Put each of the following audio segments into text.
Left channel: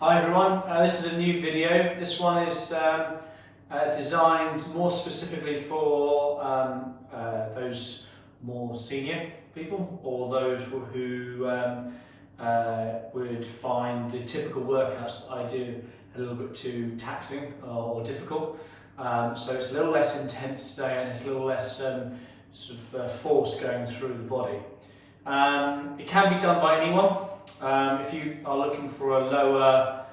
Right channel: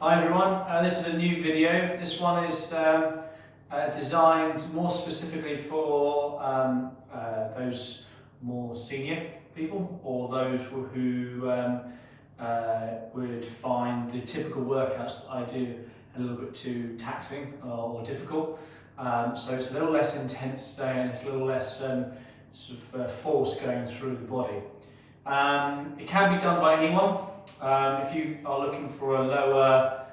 Hi everyone, this is a new video. This one is designed more specifically for those more senior people or those who would find the typical workouts that I do a little bit too taxing or difficult. So it's a little less intense today and it's a little less force going through the body. It can be done by anyone. If you are looking for a lower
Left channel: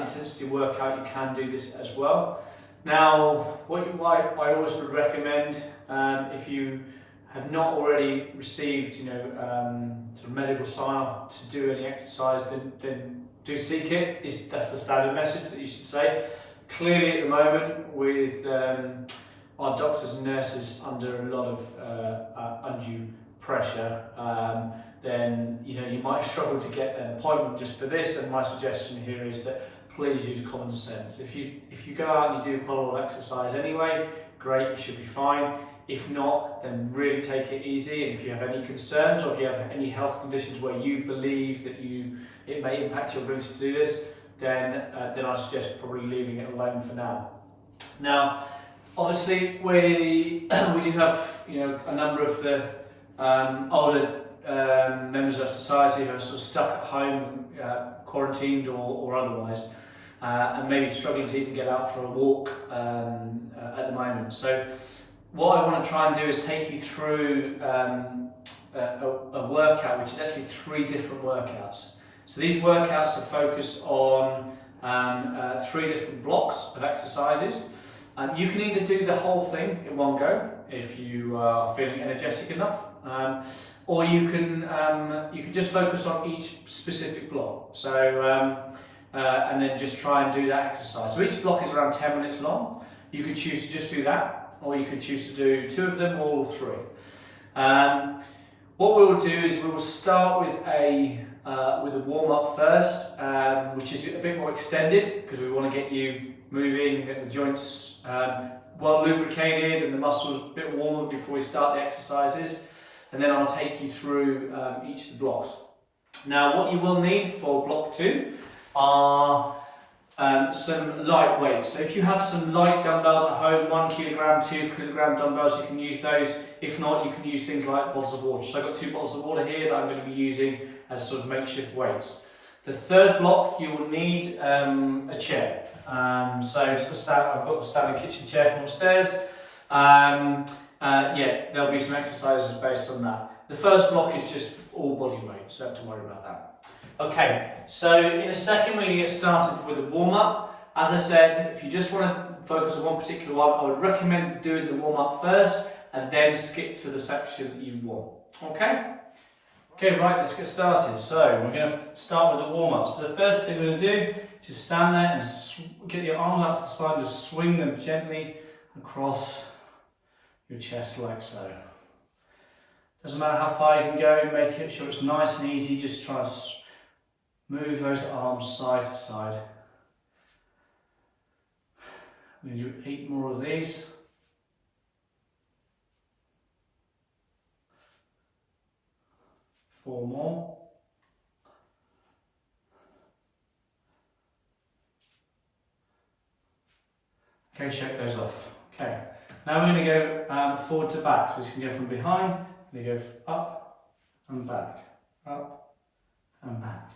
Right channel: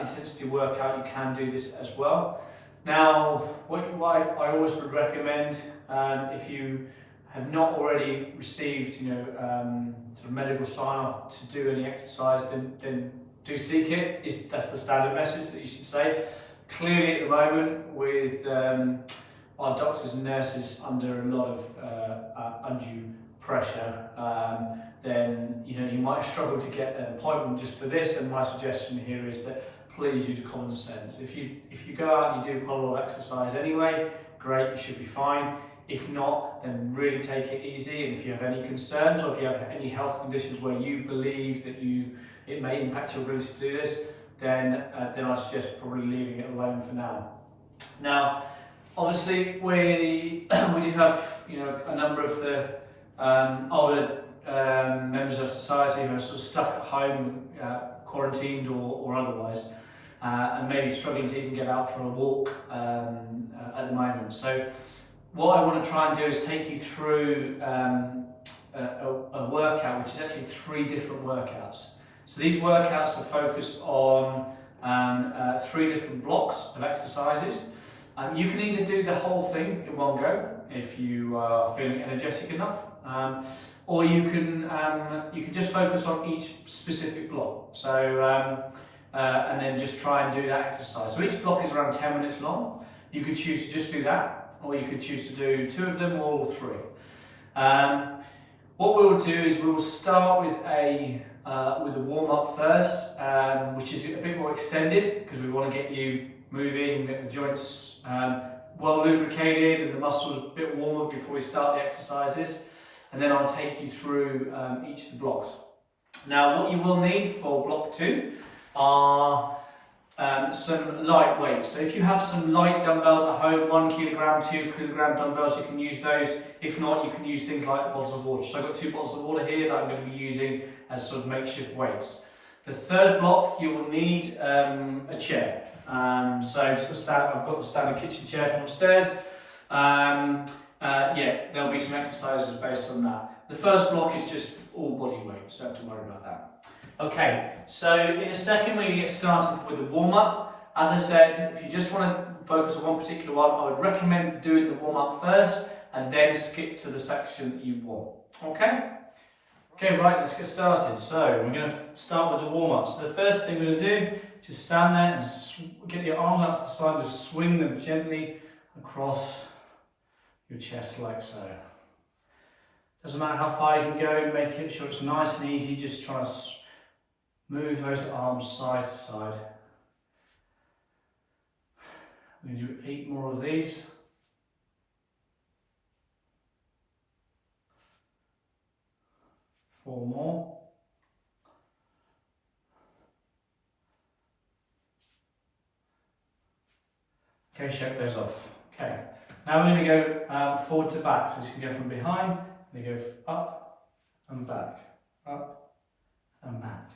intensity workout, you can do this as well. Now, what I always would recommend, if you have not already received, sort of medical sign-off to do any exercise, then do seek it. That's the standard message that you should say. Clearly, at the moment, with our doctors and nurses under a lot of undue pressure, then you might struggle to get an appointment just for this. And my suggestion here is that please use common sense. If you go out and you do quite a lot of exercise anyway, great, you should be fine. If not, then really take it easy. And if you have any concerns or if you have any health conditions where you believe that it may impact your ability to do this, then I suggest probably leaving it alone for now. Now, obviously, we do have a number of the older members of society who are sort of stuck at home, quarantined or otherwise, and maybe struggling to even get out for a walk at the moment. So what I want to try and do is take you through a workout which is actually 3 different workouts. So these workouts are focused on 3 different blocks of exercises. You can either do the whole thing in one go if you are feeling energetic enough, or you can just focus on each specific block. So and then just try and do that exercise. So each block is around 10 minutes long. You could choose to just do that, or you could choose to do 2 of them or all 3. What we will do is we will start with a warm-up first, which is a bit more extended because we want to get you moving, get the joints well lubricated and the muscles a bit warmer before we start the exercises. And then I'll take you through each of the blocks. Now, what you will need for block 2 are some light weights. So if you have some light dumbbells at home, 1 kilogram, 2 kilogram dumbbells, you can use those. If not, you can use things like bottles of water. So I've got 2 bottles of water here that I'm going to be using as sort of makeshift weights. The 3rd block, you will need a chair. So it's I've got the standard kitchen chair from upstairs. There'll be some exercises based on that. The first block is just all body weight, so don't worry about that. Okay, so in a second we're going to get started with a warm-up. As I said, if you just want to focus on one particular one, I would recommend doing the warm-up first and then skip to the section that you want. Okay? Okay, right, let's get started. So we're going to start with the warm-up. So the first thing we're going to do is just stand there and get your arms out to the side, just swing them gently across your chest like so. Doesn't matter how far you can go, make it sure it's nice and easy. Just try to move those arms side to side. I'm going to do 8 more of these. Four more. Okay, shake those off. Okay, now we're going to go forward to back. So you can go from behind, you go up and back, up and back.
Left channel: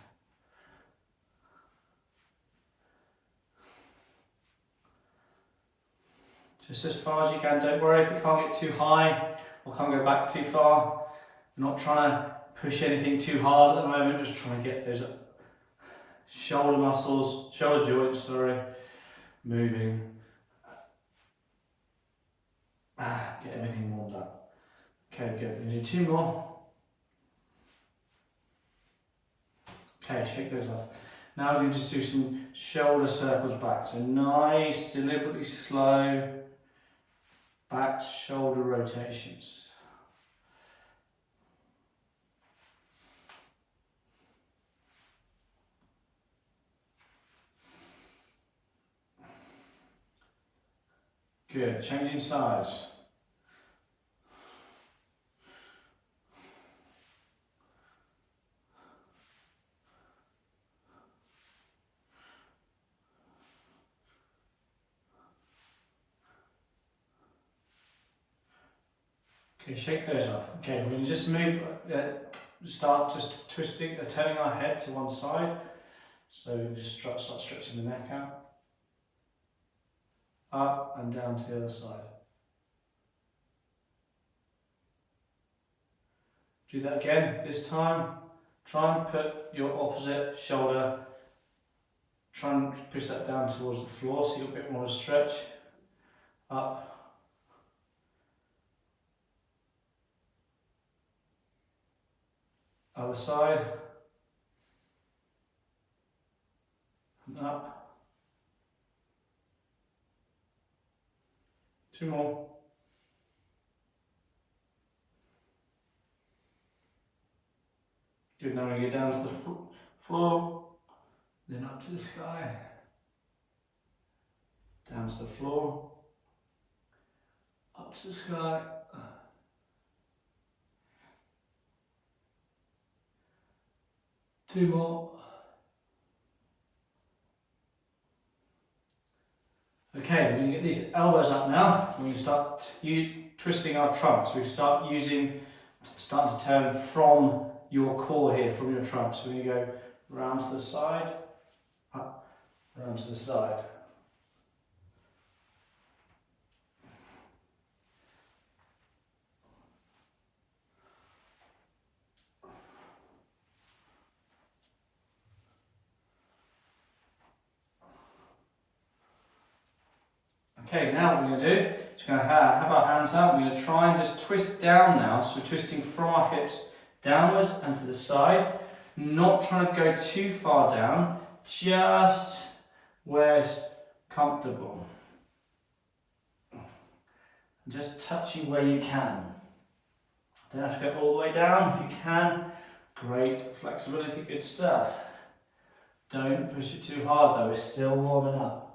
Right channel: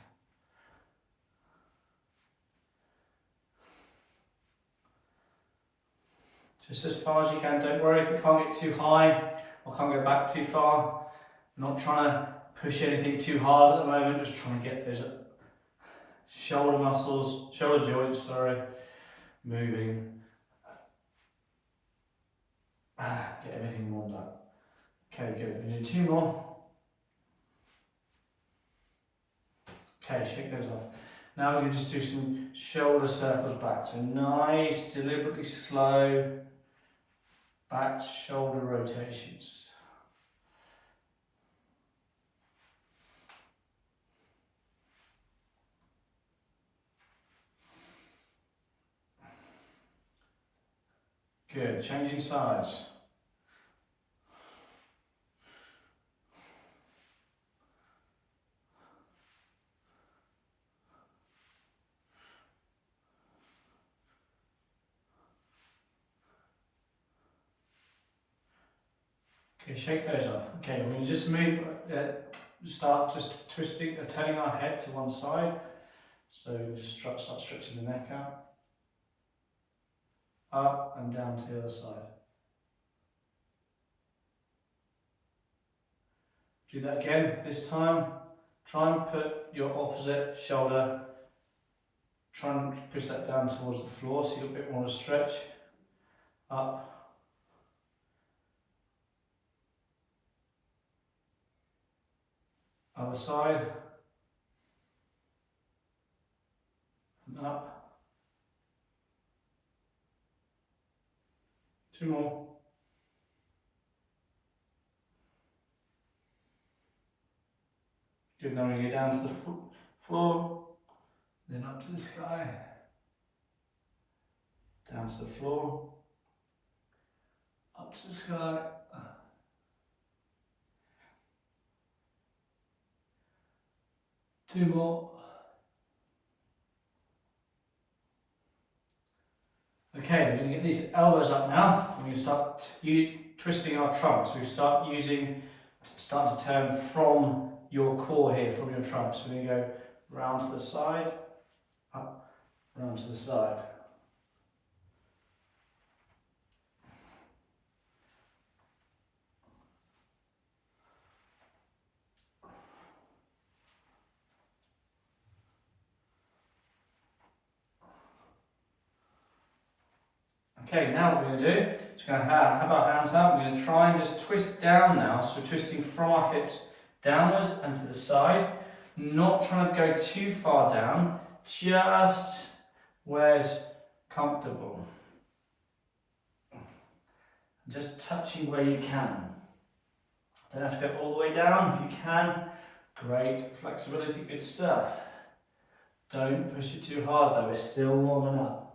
Just as far as you can. Don't worry if you can't get too high or can't go back too far. We're not trying to push anything too hard at the moment, just trying to get those shoulder muscles, shoulder joints, moving. Get everything warmed up. Okay, good. We need 2 more. Okay, shake those off. Now we're going to just do some shoulder circles back. So nice, deliberately slow back shoulder rotations. Good, changing sides. Okay, shake those off. Okay, when you just move, start just twisting, turning our head to one side. So we just start stretching the neck out. Up and down to the other side. Do that again. This time, try and put your opposite shoulder, try and push that down towards the floor so you get a bit more of a stretch. Up. Other side. And up. 2 more. Good, now we get down to the floor, then up to the sky, down to the floor, up to the sky, 2 more. Okay, we're going to get these elbows up now. We're going to start twisting our trunk. So we starting to turn from your core here, from your trunk. So we're going to go round to the side, up, round to the side. Okay, now what we're going to do is we're going to have our hands out. We're going to try and just twist down now. So we're twisting from our hips downwards and to the side. Not trying to go too far down, just where's comfortable. Just touching where you can. Don't have to go all the way down. If you can, great flexibility, good stuff. Don't push it too hard though, it's still warming up.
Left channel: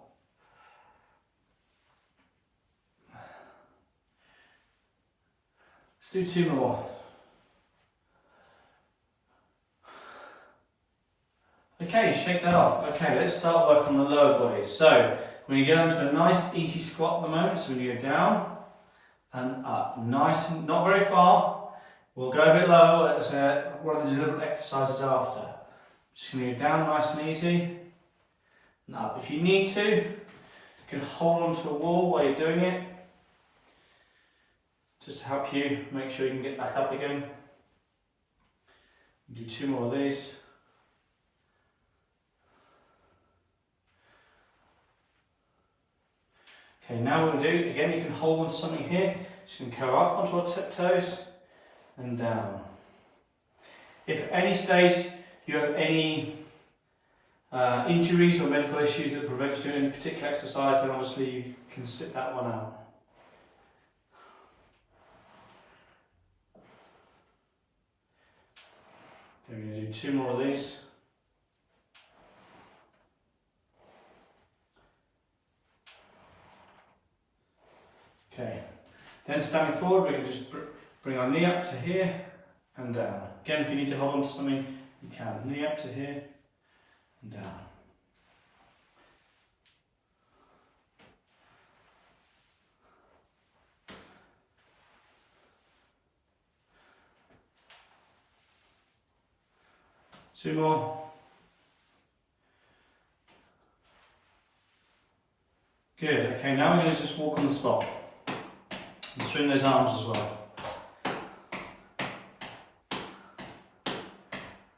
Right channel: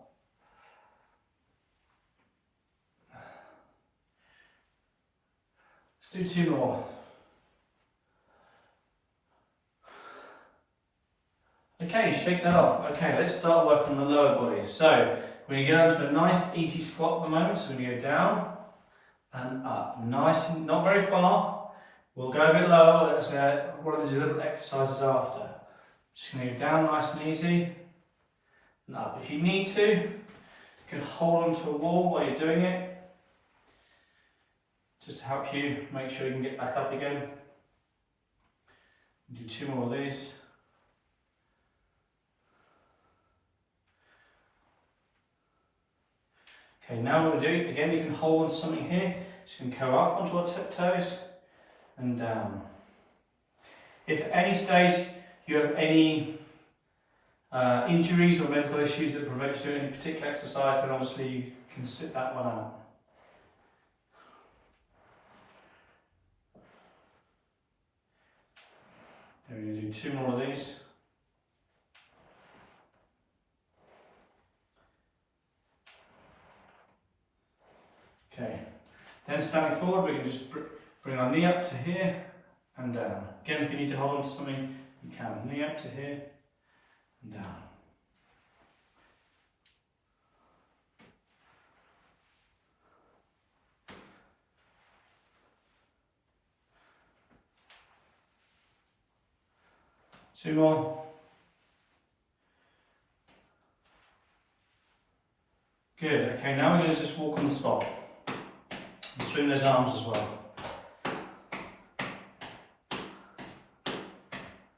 Let's do 2 more. Okay, shake that off. Okay, let's start work on the lower body. So, we're going to go into a nice easy squat at the moment. So we're going to go down and up. Nice and not very far. We'll go a bit lower. Let's one of the deliberate exercises after. Just going to go down nice and easy and up. If you need to, you can hold onto a wall while you're doing it. Just to help you make sure you can get back up again. Do 2 more of these. Okay, now what we'll do, again you can hold on to something here, just going to go up onto our tiptoes and down. If at any stage you have any injuries or medical issues that prevent you doing any particular exercise, then obviously you can sit that one out. We're going to do 2 more of these. Okay, then standing forward, we can just bring our knee up to here and down. Again, if you need to hold on to something, you can. Knee up to here and down. Two more. Good. Okay, now we're going to just walk on the spot and swing those arms as well.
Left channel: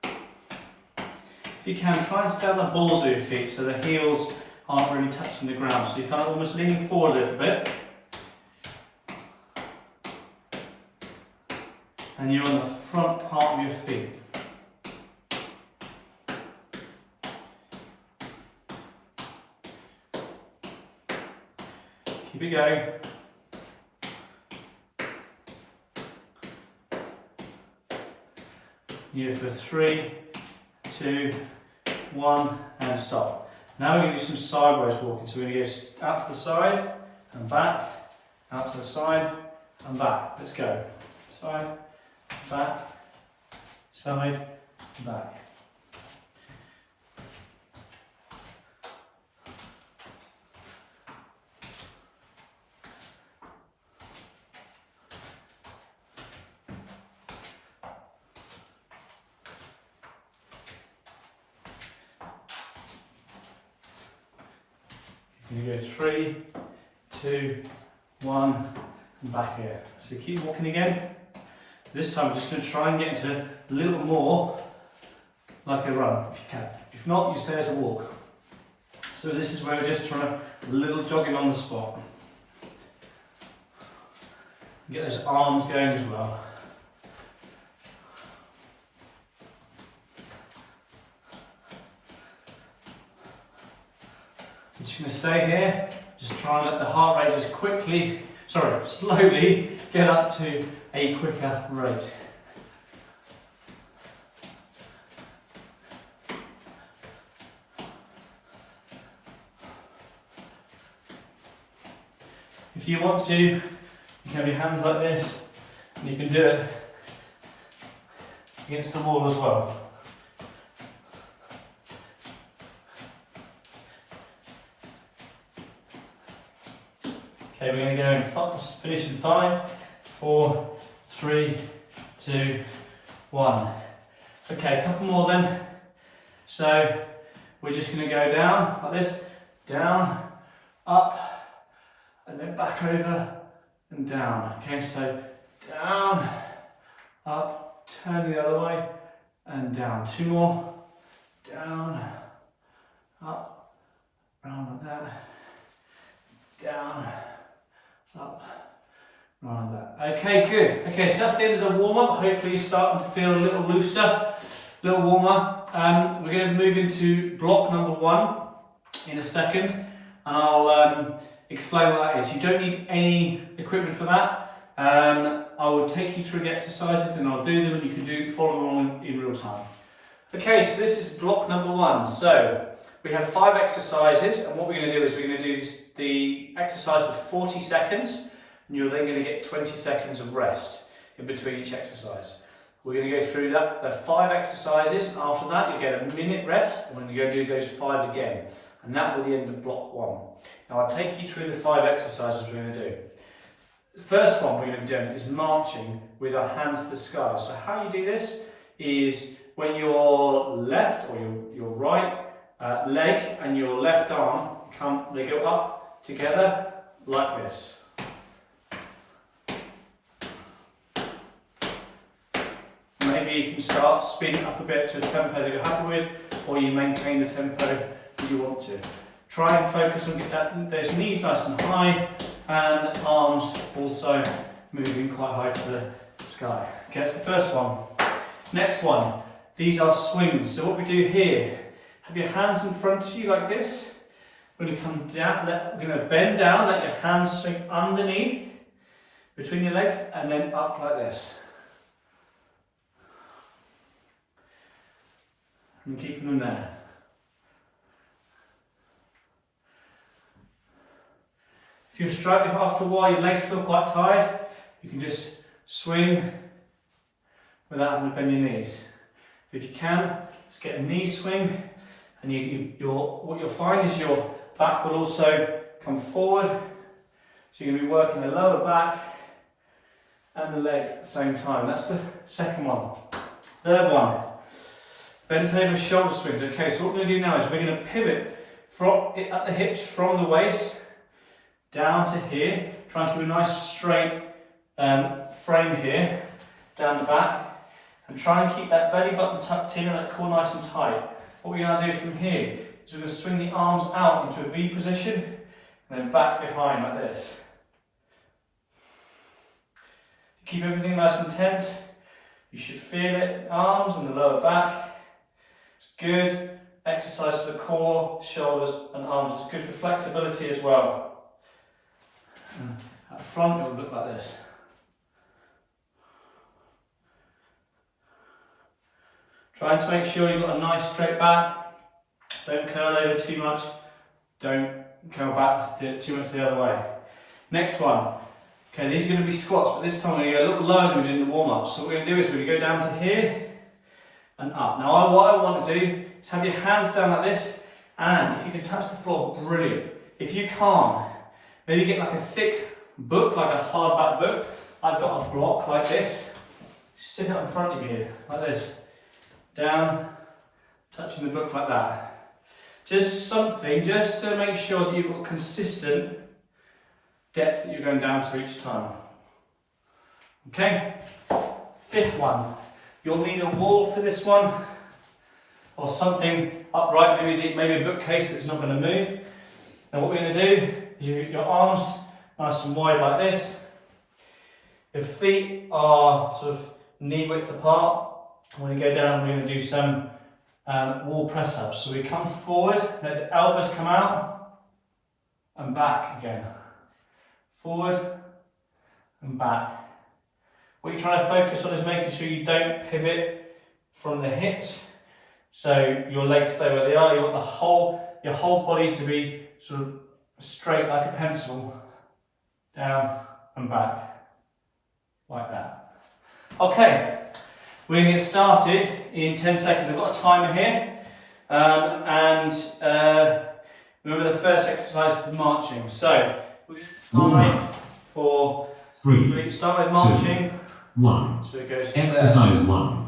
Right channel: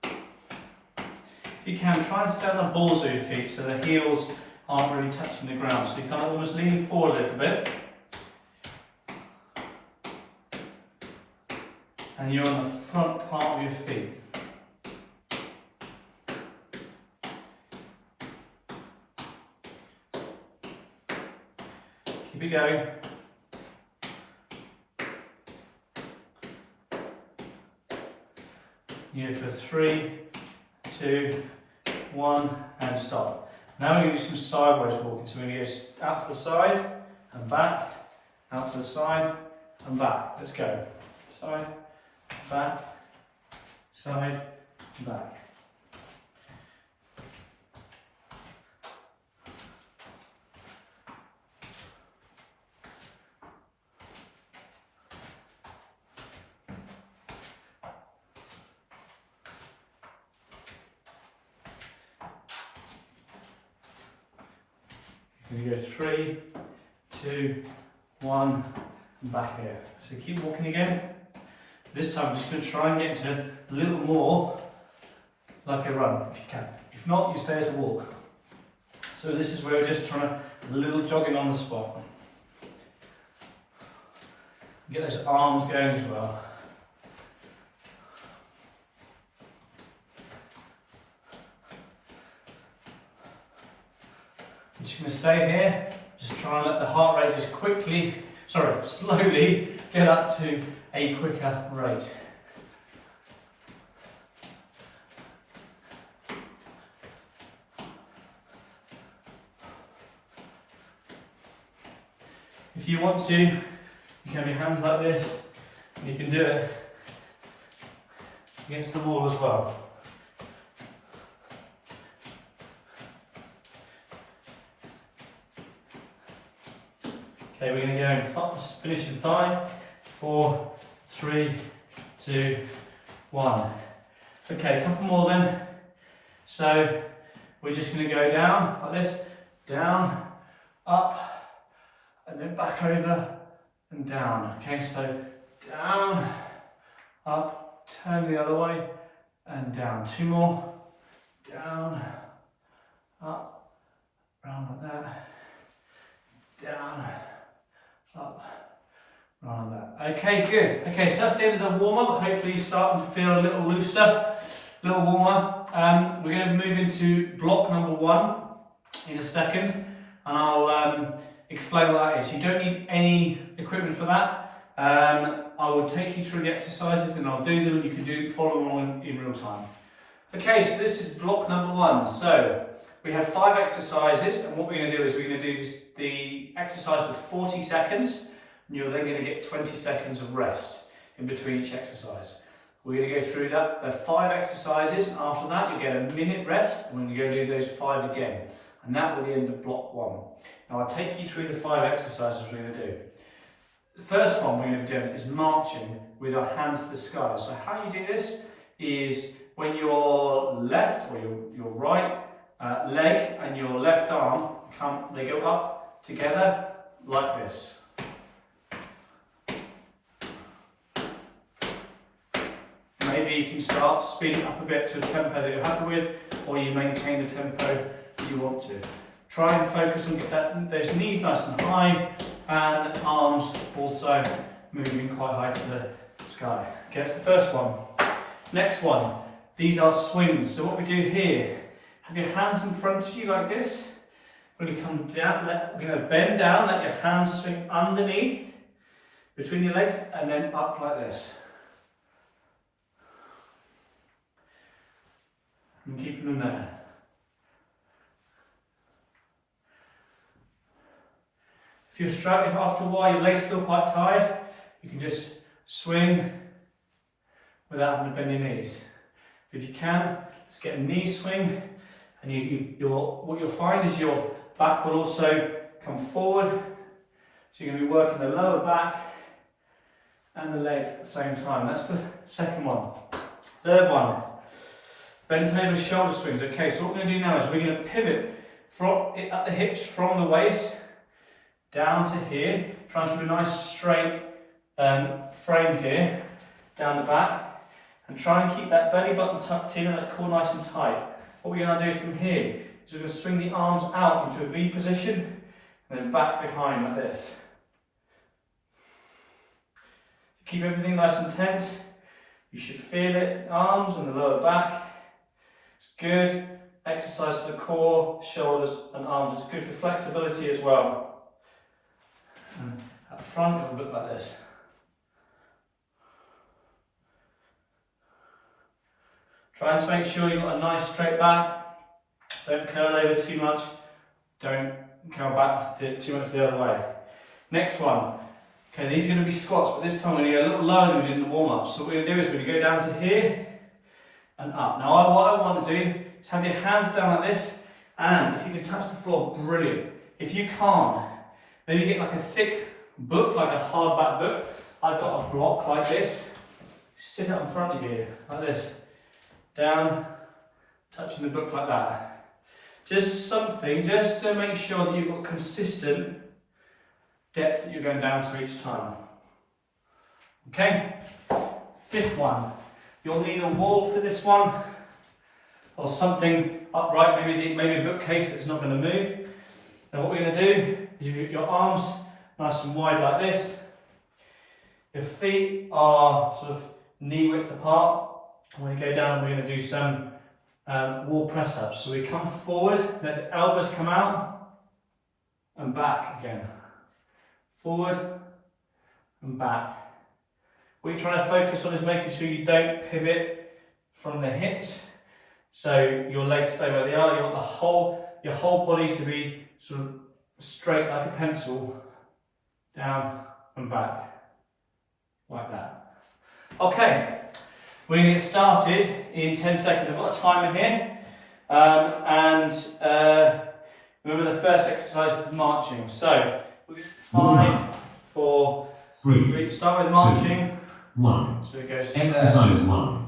If you can, try and stand the balls of your feet so the heels aren't really touching the ground. So you're kind of almost leaning forward a little bit. And you're on the front part of your feet. Keep it going. You go for 3, 2, 1, and stop. Now we're going to do some sideways walking. So we're going to go out to the side and back, out to the side and back. Let's go. Side, back, side, back. You go 3, 2, 1, and back here. So keep walking again. This time I'm just going to try and get into a little more like a run, if you can. If not, you stay as a walk. So this is where we're just trying a little jogging on the spot. Get those arms going as well. I'm just going to stay here, just try and let the heart rate just slowly get up to a quicker rate. If you want to, you can have your hands like this, and you can do it against the wall as well. Okay, we're going to go and finish in 5, 4, 3, 2, 1. Okay, a couple more then. So we're just going to go down like this, down, up, and then back over and down. Okay, so down, up, turn the other way, and down. 2 more. Down, up, round like that. Down, up, round like that. Okay, good. Okay, so that's the end of the warm-up. Hopefully you're starting to feel a little looser, a little warmer. We're going to move into block number 1 in a second, and I'll explain what that is. You don't need any equipment for that. I will take you through the exercises, then I'll do them, and you can follow along in real time. Okay, so this is block number 1. So we have 5 exercises, and what we're going to do is we're going to do the exercise for 40 seconds, and you're then going to get 20 seconds of rest in between each exercise. We're going to go through that. There are 5 exercises. After that, you'll get a minute rest, and we're going to go do those 5 again. And that will be the end of block 1. Now I'll take you through the 5 exercises we're going to do. The first one we're going to be doing is marching with our hands to the sky. So how you do this is when your left or your right leg and your left arm they go up together like this. Maybe you can start spinning up a bit to a tempo that you're happy with, or you maintain the tempo that you want to. Try and focus on get those knees nice and high, and arms also moving quite high to the sky. Okay, that's the first one. Next one, these are swings. So what we do here, have your hands in front of you like this. We're going to come down, we're going to bend down, let your hands swing underneath, between your legs, and then up like this. And keeping them there. If you're struggling after a while, your legs feel quite tired, you can just swing without having to bend your knees. If you can, just get a knee swing, and what you'll find is your back will also come forward. So you're going to be working the lower back and the legs at the same time. That's the second one. Third one, bent over shoulder swings. Okay, so what we're going to do now is we're going to pivot at the hips from the waist down to here. Try and keep a nice straight frame here, down the back, and try and keep that belly button tucked in and that core nice and tight. What we're going to do from here is we're going to swing the arms out into a V position and then back behind like this. Keep everything nice and tense. You should feel it, arms and the lower back. It's good exercise for the core, shoulders and arms. It's good for flexibility as well. And at the front it will look like this. Trying to make sure you've got a nice straight back. Don't curl over too much. Don't curl back too much the other way. Next one. Okay, these are going to be squats, but this time we're going to go a little lower than we did in the warm-up. So what we're going to do is we're going to go down to here and up. Now what I want to do is have your hands down like this, and if you can touch the floor, brilliant. If you can't, maybe get like a thick book, like a hardback book. I've got a block like this. Sit up in front of you, like this. Down, touching the book like that. Just something, just to make sure that you've got consistent depth that you're going down to each time. Okay, 5th one. You'll need a wall for this one, or something upright, maybe a bookcase that's not going to move. And what we're going to do is your arms nice and wide like this. Your feet are sort of knee width apart. And when you go down, we're going to do some wall press ups. So we come forward, let the elbows come out, and back again. Forward and back. What you're trying to focus on is making sure you don't pivot from the hips, so your legs stay where they are. You want your whole body to be sort of straight like a pencil, down and back, like that. Okay, we're going to get started in 10 seconds. I've got a timer here, remember the first exercise is marching. So 5, 4, 3. Start with marching. 1. So it goes Exercise 1.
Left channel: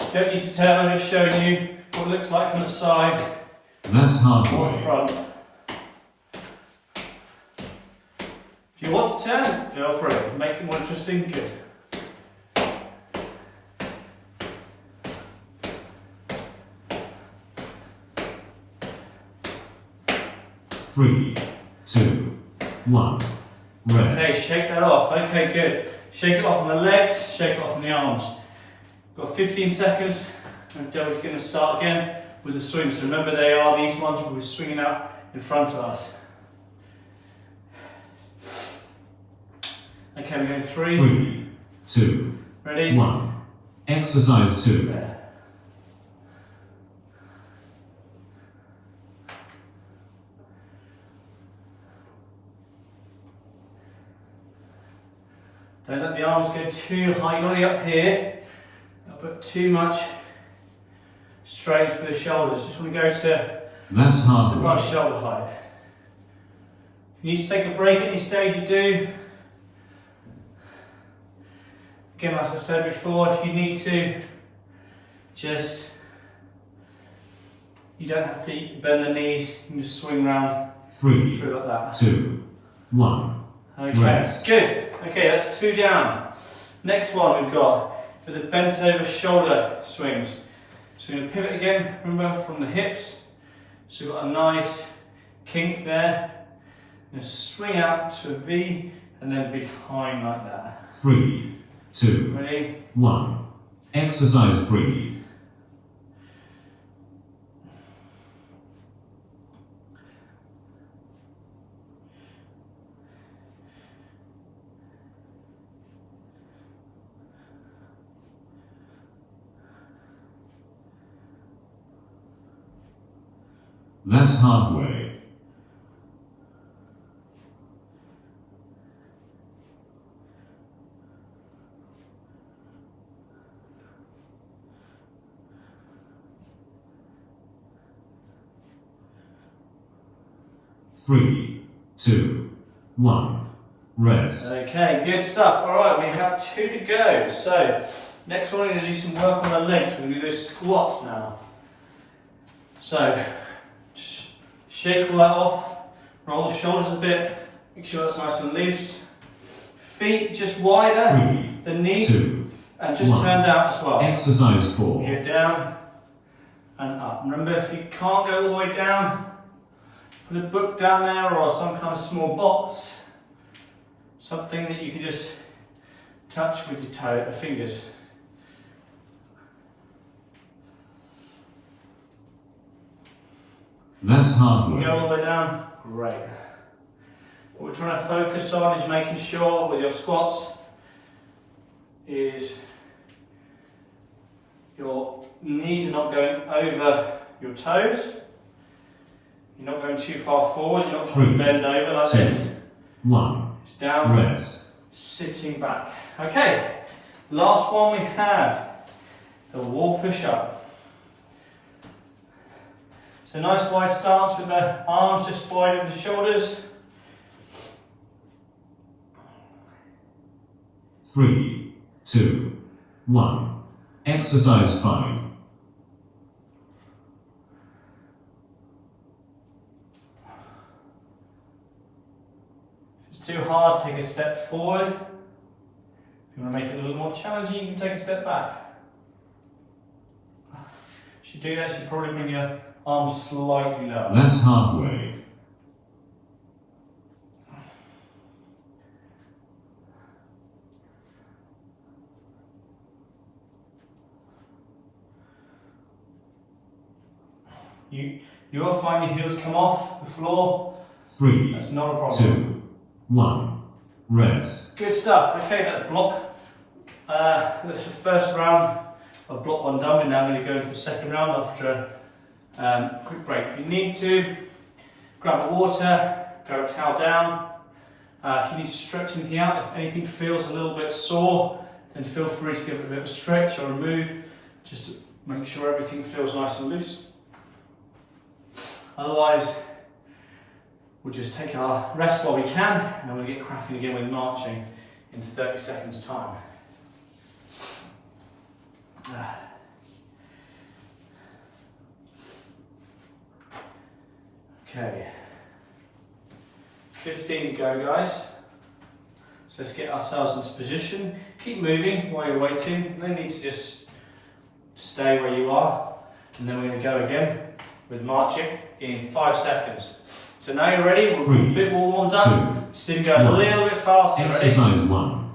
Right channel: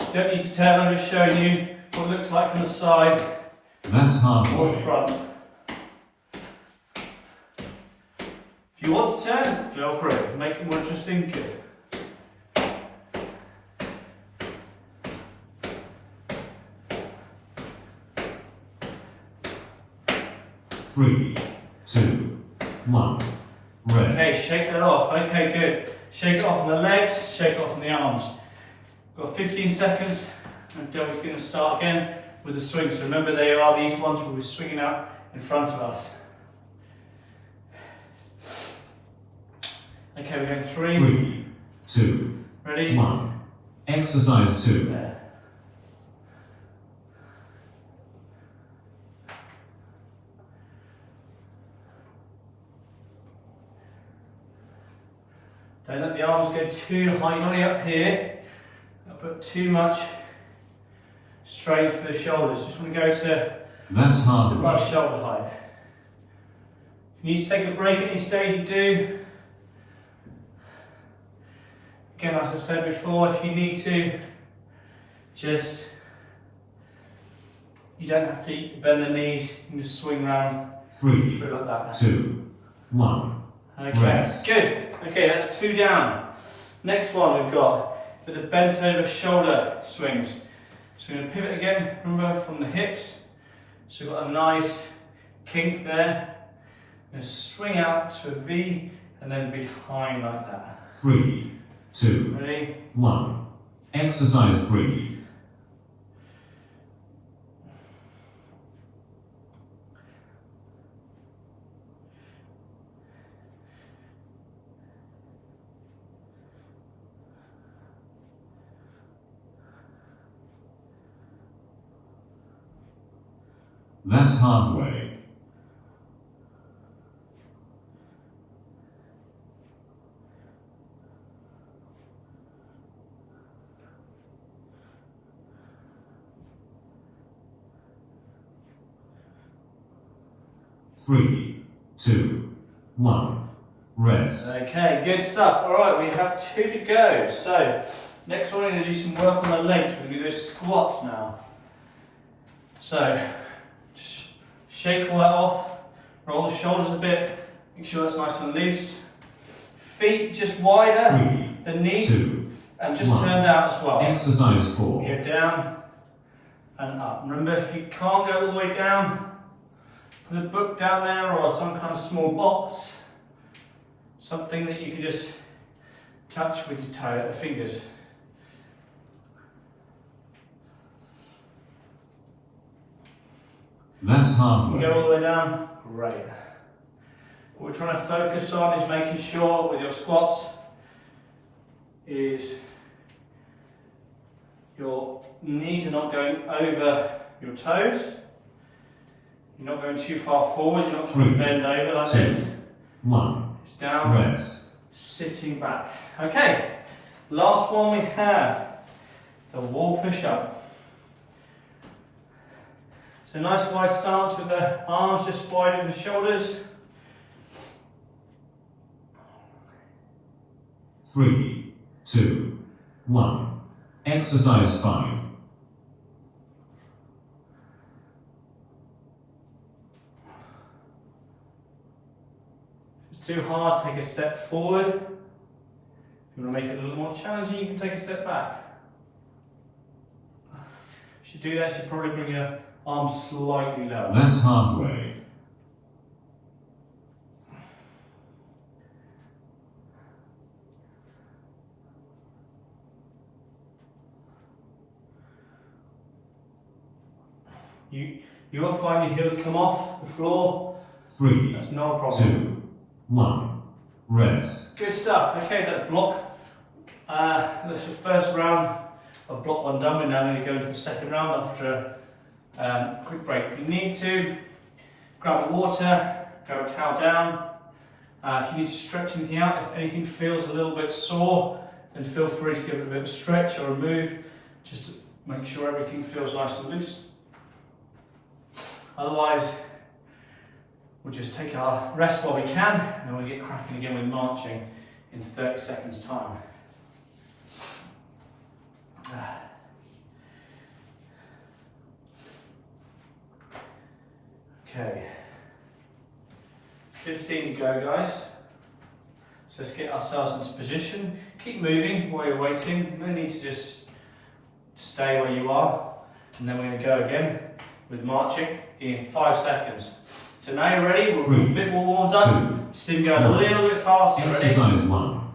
You don't need to turn, I'm just showing you what it looks like from the side That's halfway. or the front. If you want to turn, feel free. It makes it more interesting. Good. 3, 2, 1. Rest. Okay, shake that off. Okay, good. Shake it off on the legs, shake it off on the arms. Got 15 seconds, and then we're going to start again with the swing. So remember, they are these ones where we're swinging out in front of us. Okay, we're going 3, 3, 2, ready? 1. Exercise 2. There. Don't let the arms go too high, not up here. Don't put too much strain through the shoulders. Just want to go to That's just halfway. above shoulder height. If you need to take a break at any stage, you do. Again, as I said before, if you need to, you don't have to bend the knees, you can just swing around 3, through like that. 2, 1. Okay, Rest. good. Okay, that's 2 down. Next one we've got for the bent over shoulder swings. So we're going to pivot again, remember, from the hips. So we've got a nice kink there. We're going to swing out to a V and then behind like that. 3, 2, Ready? 1. Exercise 3. That's halfway. Three, 2, 1. Rest. Okay, good stuff. All right, we have 2 to go. So next one, we're going to do some work on the legs. We're going to do those squats now. So just shake all that off, roll the shoulders a bit, make sure that's nice and loose. Feet just wider 3, than knees, 2, and just 1. turned out as well. Exercise 4. You go down and up. Remember, if you can't go all the way down, put a book down there or some kind of small box, something that you can just touch with your fingers. That's halfway. Go all the way down. Great. What we're trying to focus on is making sure with your squats is your knees are not going over your toes. You're not going too far forward. You're not trying to bend over like 2, this. 1. It's down. Rest. Sitting back. Okay. Last one we have the wall push-up. So So a nice wide stance with the arms just wide at the shoulders. 3, 2, 1. Exercise 5. If it's too hard, take a step forward. If you want to make it a little more challenging, you can take a step back. If you do that, you probably bring your arms slightly lower. That's halfway. You will find your heels come off the floor. 3, That's not a problem. 2, 1. Rest. Good stuff. Okay, that's block. That's the first round of block 1 done. We're now going to go into the second round after a quick break. If you need to, grab the water, go a towel down. If you need to stretch anything out, if anything feels a little bit sore, then feel free to give it a bit of a stretch or a move, just to make sure everything feels nice and loose. Otherwise, we'll just take our rest while we can, and we'll get cracking again with marching in 30 seconds time. Okay, 15 to go, guys. So let's get ourselves into position. Keep moving while you're waiting. No need to just stay where you are. And then we're going to go again with marching in 5 seconds. So now you're ready, we're a bit more warmed up. Just even go a little bit faster. Exercise 1.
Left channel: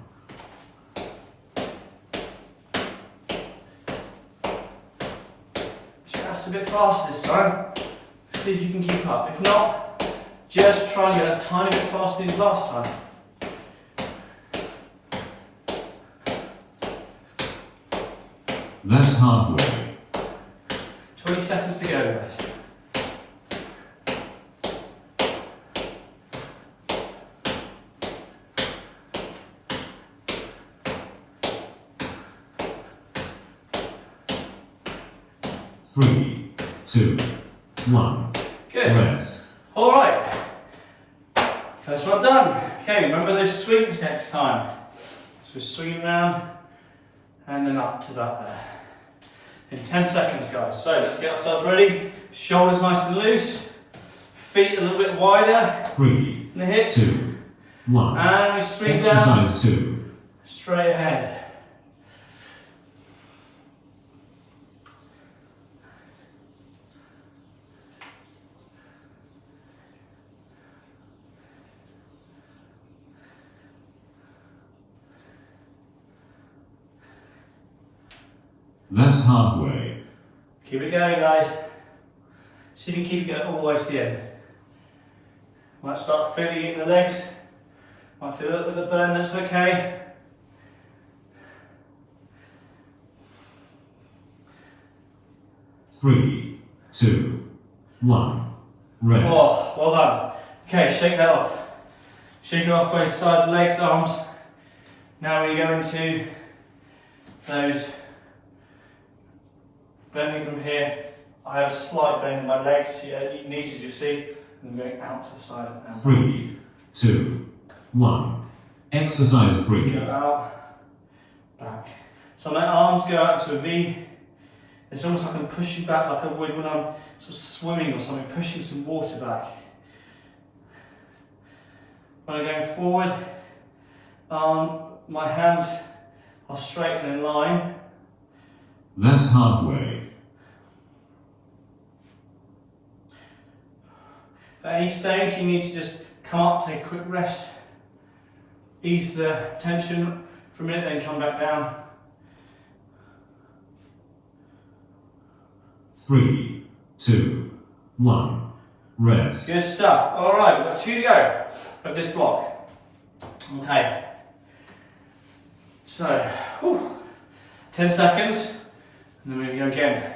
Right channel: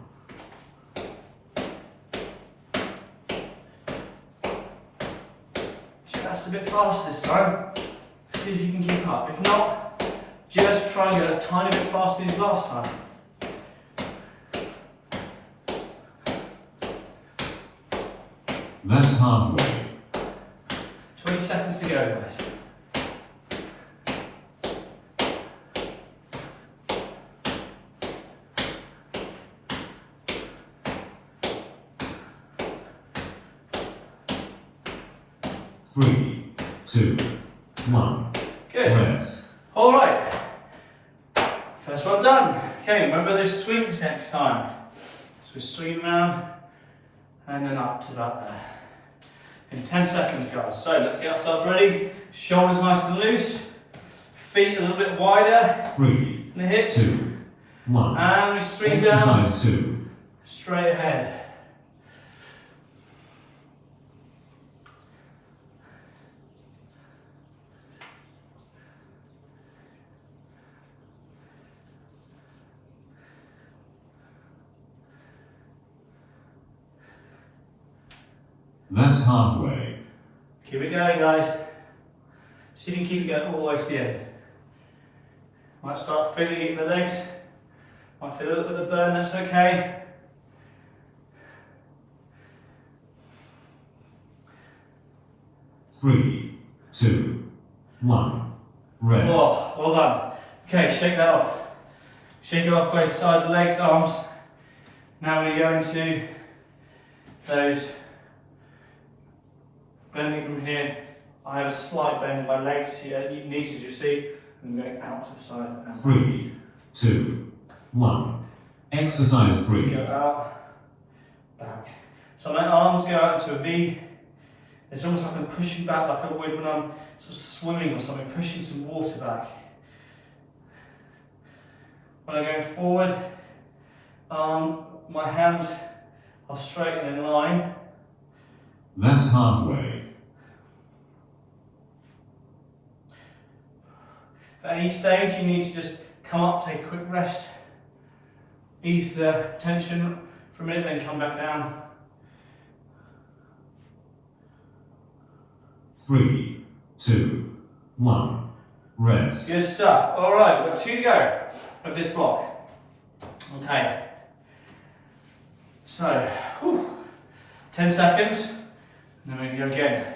Just a bit faster this time. See if you can keep up. If not, just try and get a tiny bit faster than last time. That's halfway. 20 seconds to go, guys. Three, 2, 1. Good. Rest. All right. First one done. Okay, remember those swings next time. So swing around and then up to about there. In 10 seconds, guys. So let's get ourselves ready. Shoulders nice and loose. Feet a little bit wider. 3, In the hips. 2, 1. And we swing down. Exercise 2. Straight ahead. That's halfway. Keep it going, guys. See if you can keep it going all the way to the end. Might start feeling it in the legs. Might feel a little bit of burn, that's okay. Three, 2, 1. Rest. Oh, well done. Okay, shake that off. Shake it off both sides of the legs, arms. Now we go into those bending from here. I have a slight bend in my legs, you need to just see. I'm going out to the side and back. 3, 2, 1. Exercise 3. Go out, back. So my arms go out to a V. It's almost like I'm pushing back like I would when I'm sort of swimming or something, pushing some water back. When I'm going forward, my hands are straight and in line. That's halfway. At any stage, you need to just come up, take a quick rest, ease the tension for a minute, then come back down. 3, 2, 1. Rest. Good stuff. All right, we've got 2 to go of this block. Okay. So, 10 seconds, and then we can go again.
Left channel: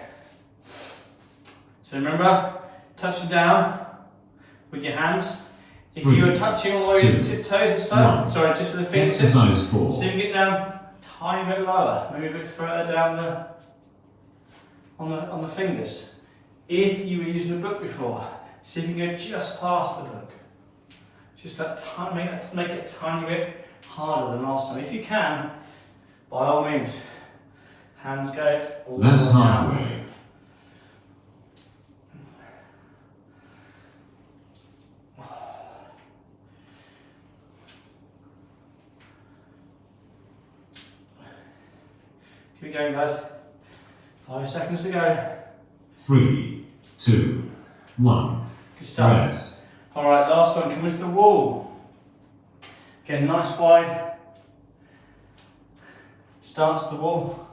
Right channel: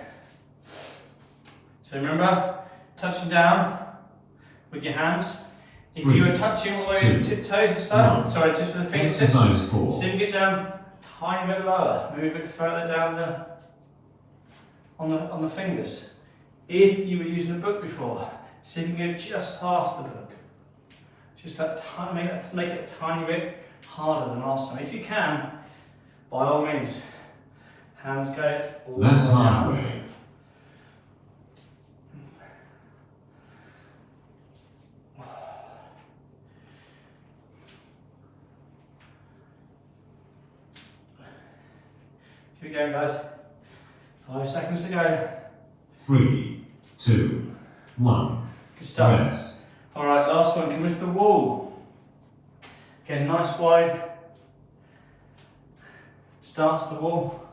So remember, touching down with your hands. If you were touching all the way with the tiptoes and stuff, sorry, just with the fingertips. Exercise 4. See if you get down a tiny bit lower, maybe a bit further down on the fingers. if you were using a book before, see if you can go just past the book. Just that tiny, make it a tiny bit harder than last time. If you can, by all means, hands go all the way That's down. halfway. Keep going, guys. 5 seconds to go. 3, 2, 1. Good stuff. Rest. All right, last one. Come into the wall. Again, nice wide. Stance the wall.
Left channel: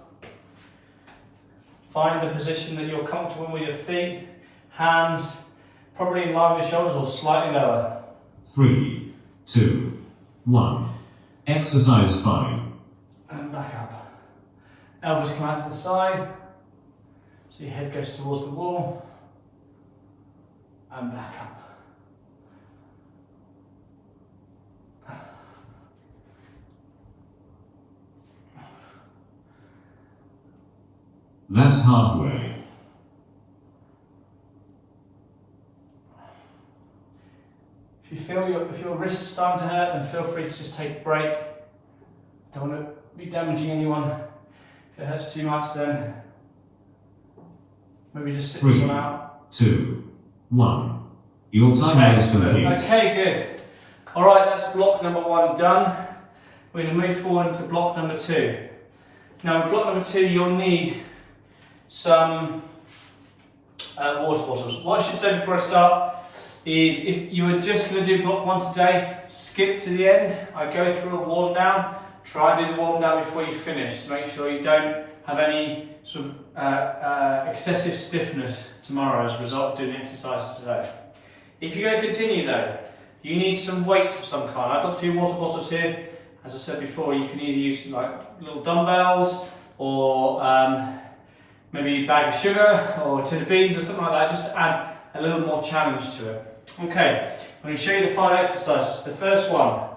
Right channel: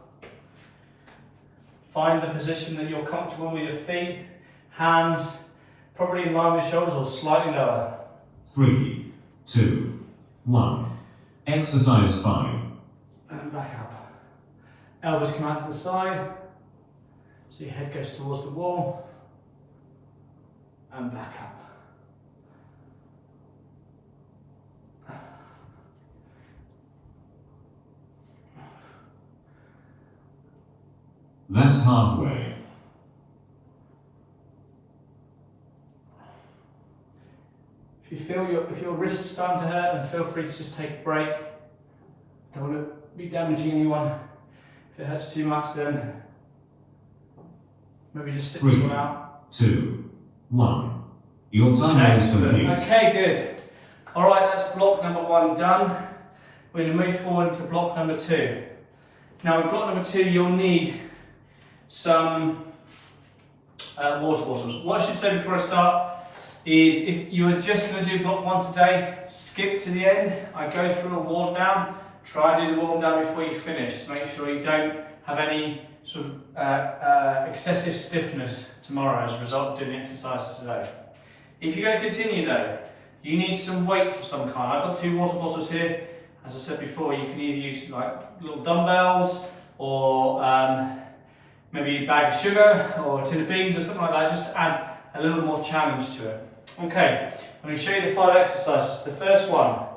Find the position that you're comfortable with your feet, hands, probably in line with shoulders or slightly lower. 3, 2, 1. Exercise 5. And back up. Elbows come out to the side. So your head goes towards the wall. And back up. That's halfway. If your wrist is starting to hurt, then feel free to just take a break. Don't want to be damaging anyone. If it hurts too much, then maybe just sit this 3, one out. 2, 1. Your time is Excellent. complete. Okay, good. All right, that's block number 1 done. We're going to move forward into block number 2. Now, with block number 2, you'll need some water bottles. What I should say before I start is if you are just going to do block 1 today, skip to the end. I go through a warm down. Try and do the warm down before you finish to make sure you don't have any sort of excessive stiffness tomorrow as a result of doing exercises today. If you're going to continue though, you need some weights of some kind. I've got 2 water bottles here. As I said before, you can either use like little dumbbells or maybe a bag of sugar or a tin of beans or something like that, just to add a little more challenge to it. Okay, I'm going to show you the 5 exercises. The first one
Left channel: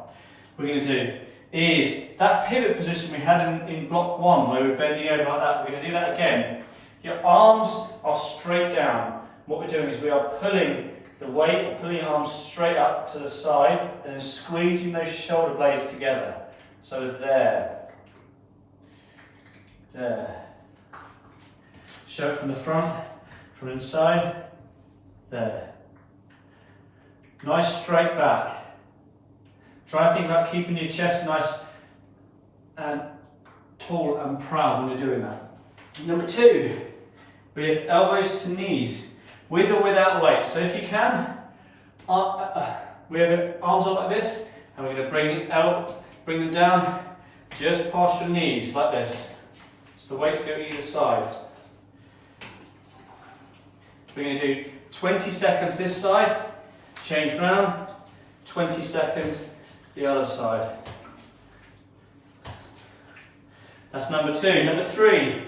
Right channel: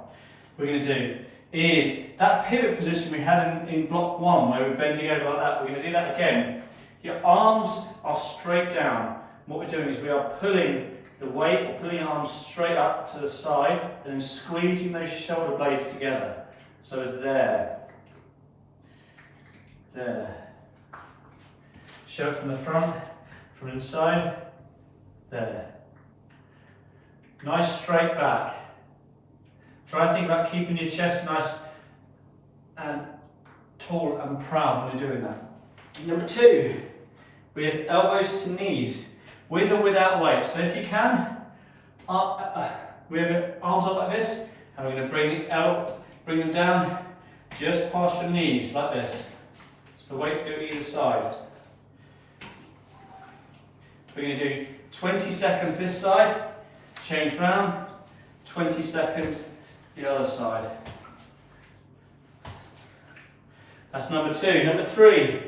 we're going to do is that pivot position we had in block 1 where we're bending over like that. We're going to do that again. Your arms are straight down. What we're doing is we are pulling the weight, or pulling your arms straight up to the side and then squeezing those shoulder blades together. So there. Show it from the front, from inside. There. Nice straight back. Try and think about keeping your chest nice and tall and proud when you're doing that. Number 2, we have elbows to knees, with or without weight. So if you can, we have your arms up like this, and we're going to bring them down just past your knees like this. So the weights go either side. We're going to do 20 seconds this side, change round, 20 seconds the other side. That's number 2. Number 3,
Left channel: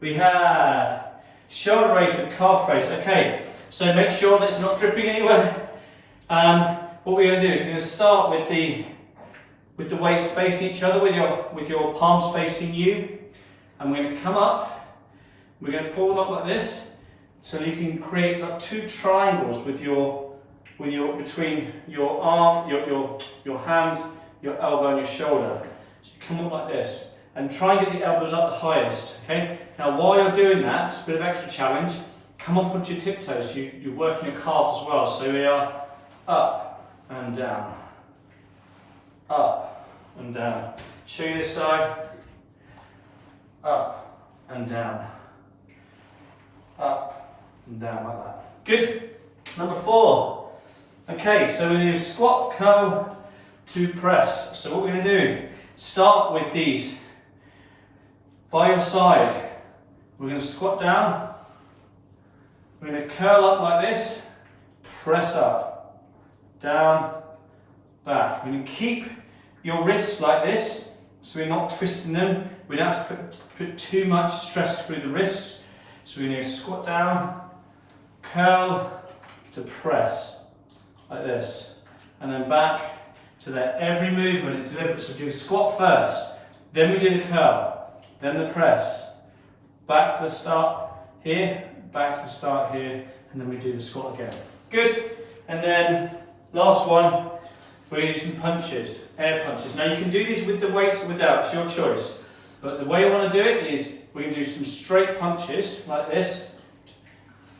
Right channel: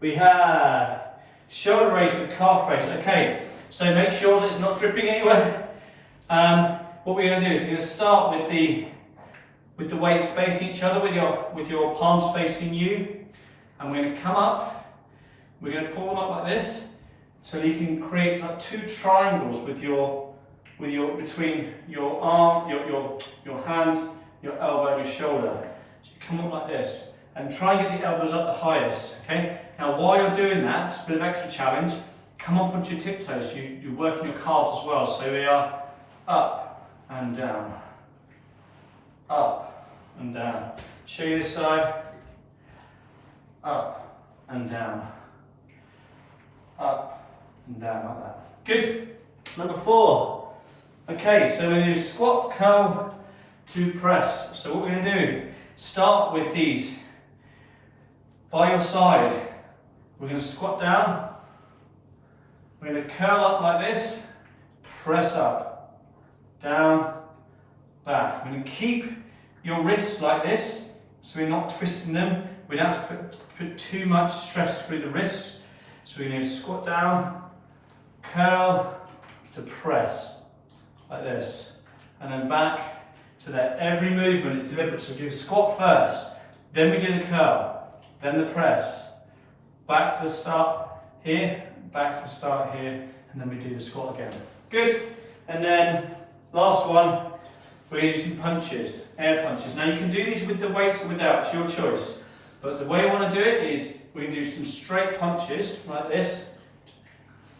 we have shoulder raise with calf raise. Okay, so make sure that it's not dripping anywhere. What we're going to do is we're going to start with the weights facing each other, with your palms facing you, and we're going to come up. We're going to pull them up like this, so you can create like 2 triangles between your arm, your hand, your elbow, and your shoulder. So you come up like this, and try and get the elbows up the highest. Okay. Now, while you're doing that, it's a bit of extra challenge. Come up onto your tiptoes. You're working your calves as well. So we are up and down, up and down. Show you this side. Up and down, up and down like that. Good. Number 4. Okay, so we're going to do squat, curl to press. So what we're going to do, start with these. By your side, we're going to squat down. We're going to curl up like this, press up, down, back. We're going to keep your wrists like this, so we're not twisting them. We don't have to put too much stress through the wrists. So we're going to squat down, curl to press, like this. And then back to there. Every movement is deliberate. So do the squat first, then we do the curl, then the press. Back to the start here, back to the start here, and then we do the squat again. Good. And then last one, we're going to do some punches, air punches. Now you can do these with the weights or without, it's your choice. But the way I want to do it is we're going to do some straight punches like this.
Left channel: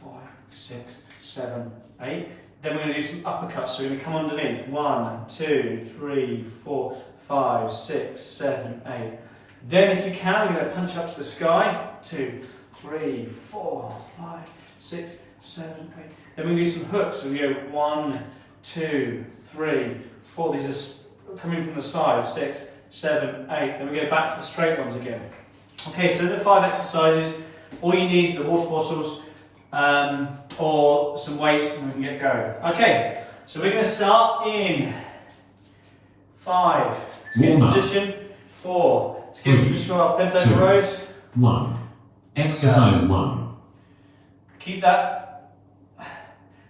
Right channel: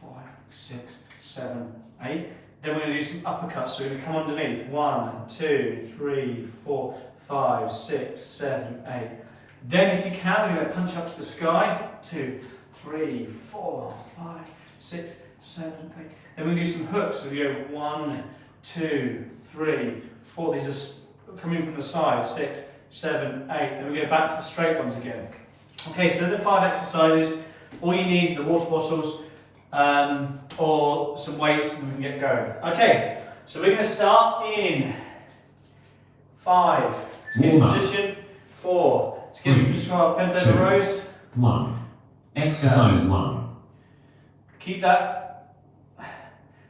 5, 6, 7, 8. Then we're going to do some uppercuts. So we're going to come underneath. 1, 2, 3, 4, 5, 6, 7, 8. Then if you can, we're going to punch up to the sky. 2, 3, 4, 5, 6, 7, 8. Then we're going to do some hooks. So we go 1, 2, 3, 4. These are coming from the side. 6, 7, 8. Then we go back to the straight ones again. Okay, so the 5 exercises. All you need is the water bottles or some weights, and we can get going. Okay, so we're going to start in 5. Let's get in position. 4. Let's get into position. Pentagon rows. 1. Exercise 1. Keep that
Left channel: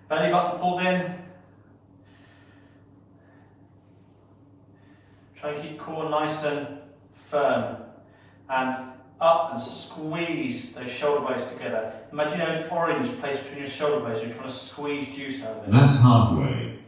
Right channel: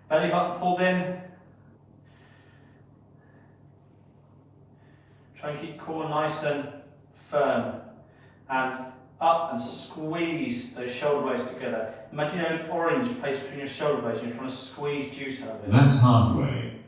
belly button pulled in. Try and keep core nice and firm. And up and squeeze those shoulder blades together. Imagine you have an orange placed between your shoulder blades and you're trying to squeeze juice out of it. That's halfway.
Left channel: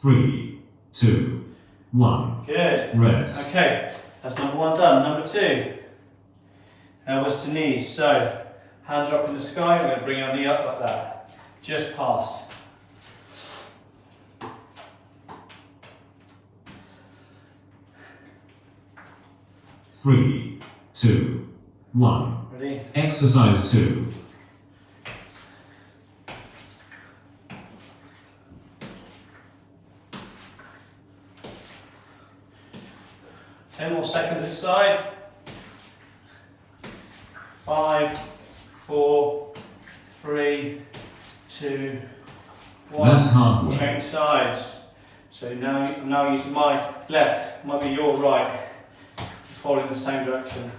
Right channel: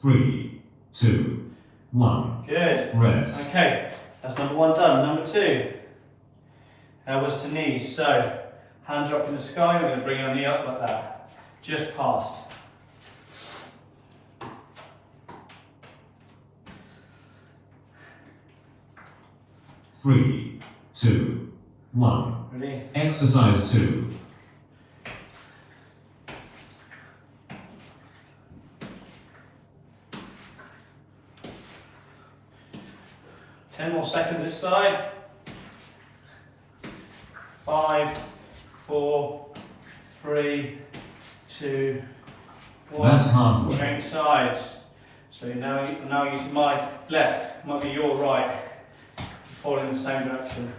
Three, 2, 1. Good. Rest. Okay, that's number 1 done. Number 2. Elbows to knees. So, hands are up in the sky. We're going to bring our knee up like that. Just past. Three, 2, 1. Ready? Exercise 2. Ten more seconds this side. 5, 4, 3, 2, 1. That's halfway. Change sides. So now use my left, might be your right. Fall in the same direction.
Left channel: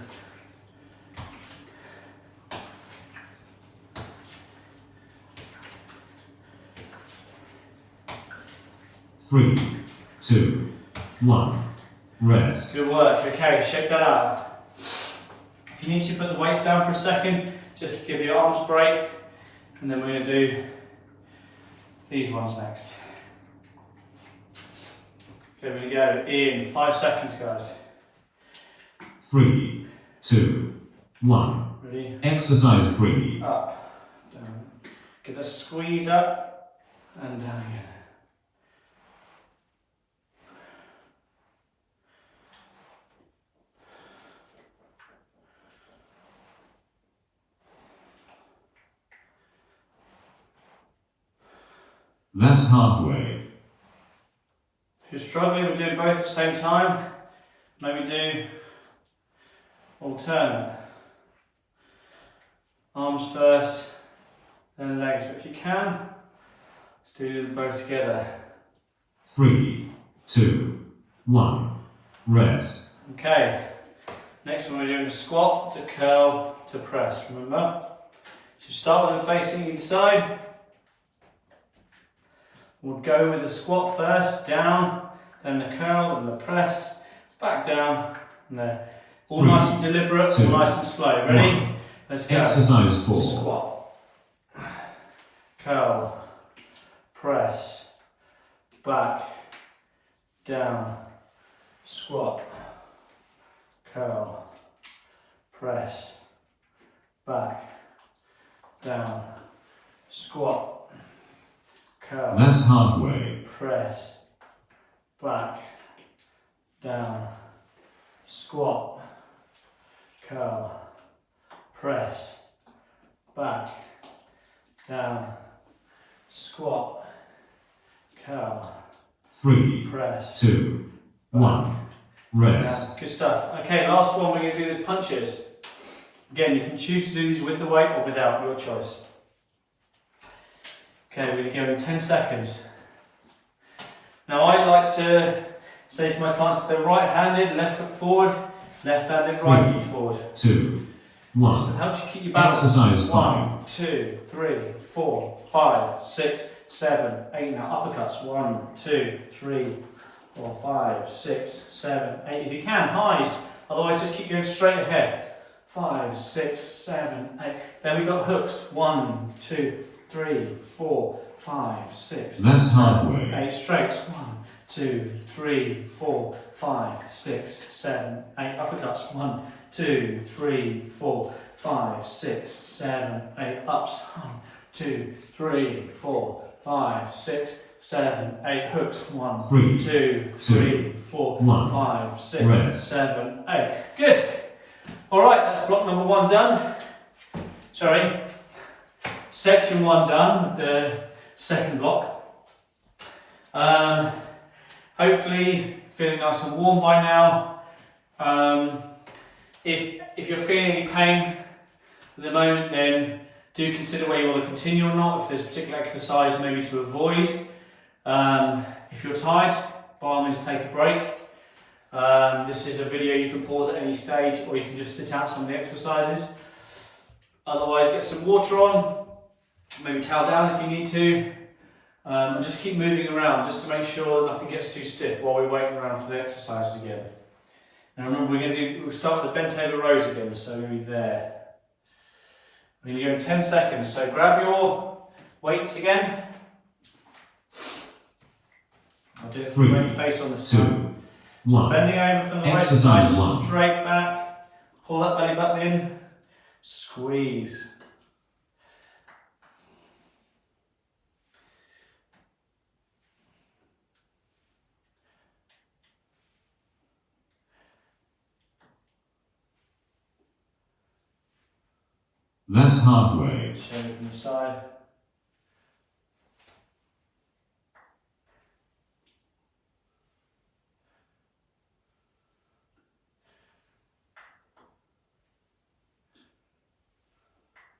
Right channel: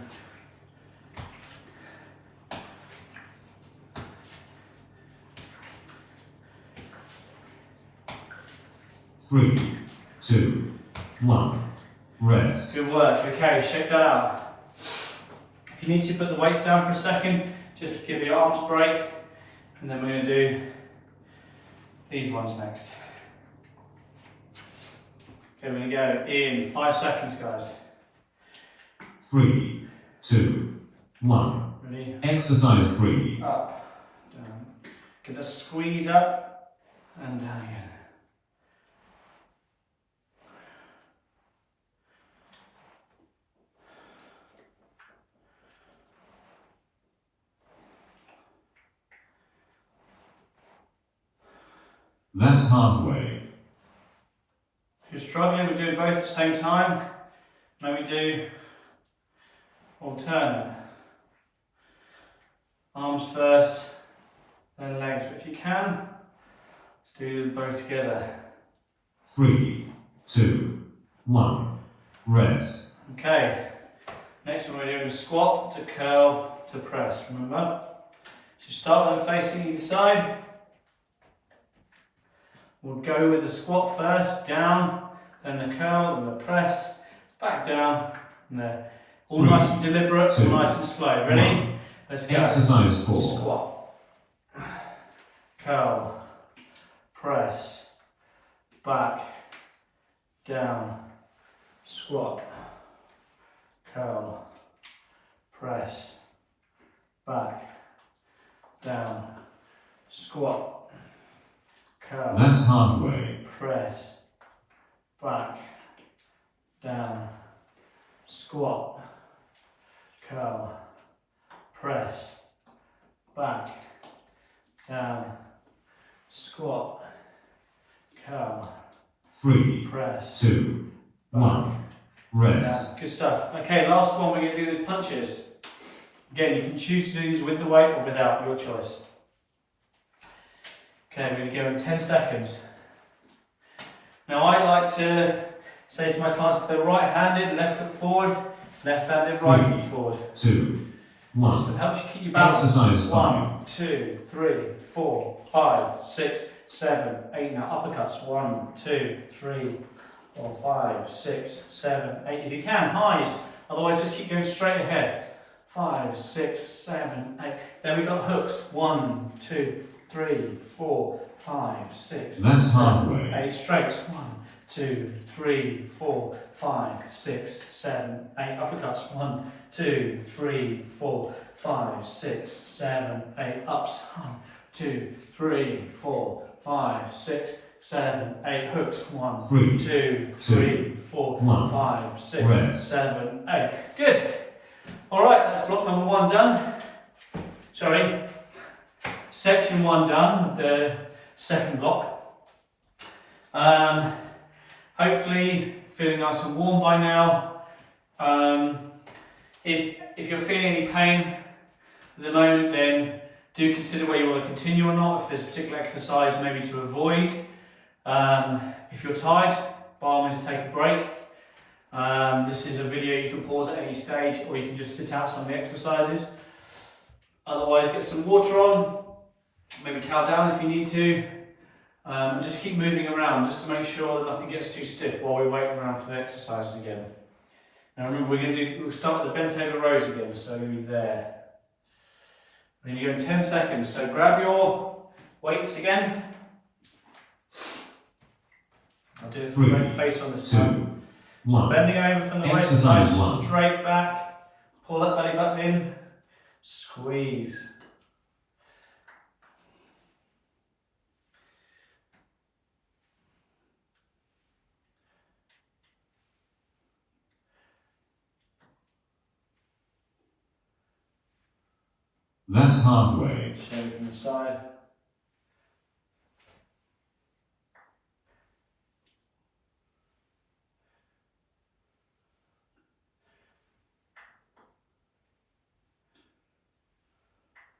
Three, 2, 1. Rest. Good work. Okay, shake that out. If you need to put the weights down for a second, just give your arms a break, and then we're going to do these ones next. Okay, we're going to go in 5 seconds, guys. 3, 2, 1. Ready? Exercise 3. Up, down. Get the squeeze up and down again. That's halfway. If you're struggling, we're doing both at the same time. Maybe do alternate. Arms first, then legs. But if you can, let's do them both together. 3, 2, 1. Rest. Okay. Next one we're doing a squat to curl to press. Remember? So start with them facing each side. We'll go with the squat first, down, then the curl, then the press, back down, and there. All 3, nice and deliberate, 2, all nice and slow. Ready? 1. Let's go. Exercise 4. Squat, curl, press, back, down, squat, curl, press, back, down, squat, curl, That's halfway. press, back, down, squat, curl, press, back, down, squat, curl, 3, press, 2, 1. Rest. down. Good stuff. Okay, last one we're going to do is punches. Again, you can choose to do these with the weight or without, your choice. Okay, we're going to go in 10 seconds. Now I like to say to my clients that they're right-handed, left foot forward, left-handed, right foot forward. 2, 1. It helps you keep your balance. Exercise 1, 2, 3, 4, 5, 6, 7, 8. Now uppercuts. 1, 2, 3, 4, 5, 6, 7, 8. If you can, highs. Otherwise, just keep going straight ahead. 5, 6, 7, 8. Then we've got hooks. 1, 2, 3, 4, 5, 6, That's 7, halfway. 8. Straights. 1, 2, 3, 4, 5, 6, 7, 8. Uppercuts. 1, 2, 3, 4, 5, 6, 7, 8. Ups. 1, 2, 3, 4, 5, 6, 7, 8. Hooks. 1, 3, 2, 3, 4, 1. 5, 6, Rest. 7, 8. Good. All right, that's block number 1 done. Sorry. Section 1 done, the second block. Hopefully feeling nice and warm by now. If you're feeling any pain at the moment, then do consider whether you want to continue or not. If there's a particular exercise maybe to avoid. If you're tired, by all means take a break. This is a video you can pause at any stage, or you can just sit out some of the exercises. Otherwise, get some water on, maybe towel down if you need to, and just keep moving around just to make sure that nothing gets too stiff while we're waiting around for the exercises again. Now remember, we'll start with the bent over rows again, so we're going to be there. We're going to go in 10 seconds, so grab your weights again. I'll do it with ready face on this time. 2, 1. Bending over from the waist, Exercise nice 1. straight back, pull that belly button in, squeeze. That's halfway. Show it from the side.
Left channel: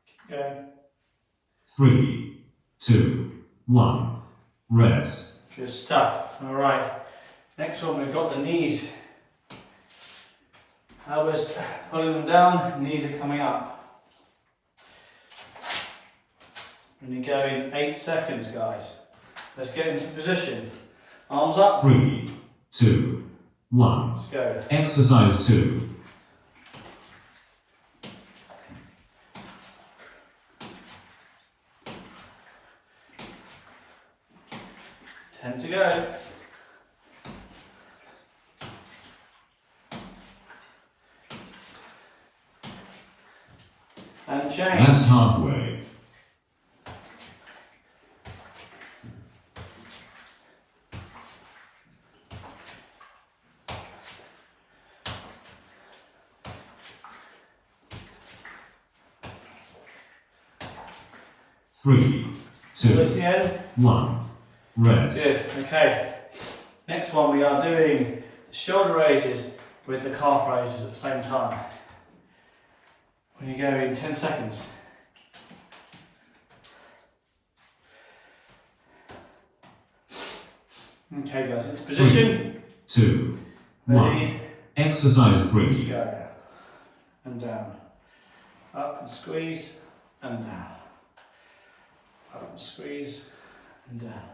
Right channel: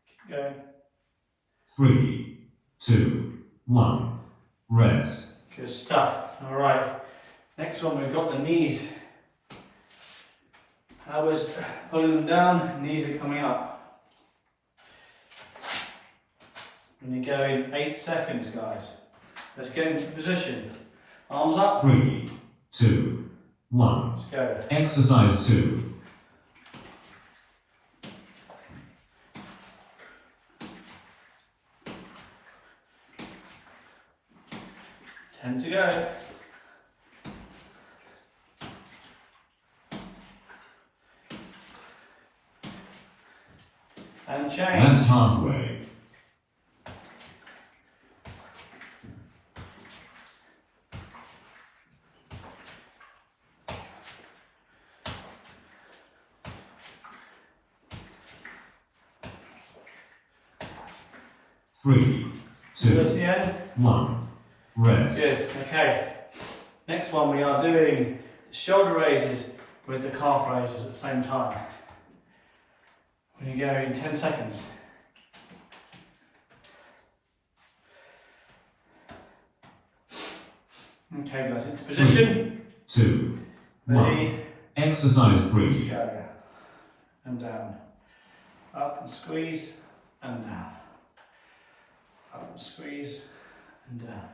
Keep going. 3, 2, 1. Rest. Good stuff. All right. Next one, we've got the knees. Elbows pulling them down, knees are coming up. And you go in 8 seconds, guys. Let's get into position. Arms up. 3, 2, 1. Let's go. Exercise 2. Ten to go. And change. That's halfway. 3, 2, Towards the end. 1. Rest. Good. Okay. Next one, we are doing the shoulder raises with the calf raises at the same time. We're going to go in 10 seconds. Okay, guys, into position. 3, 2, 1. Ready? Exercise Let's 3. go. And down. Up and squeeze and down. Up and squeeze and down.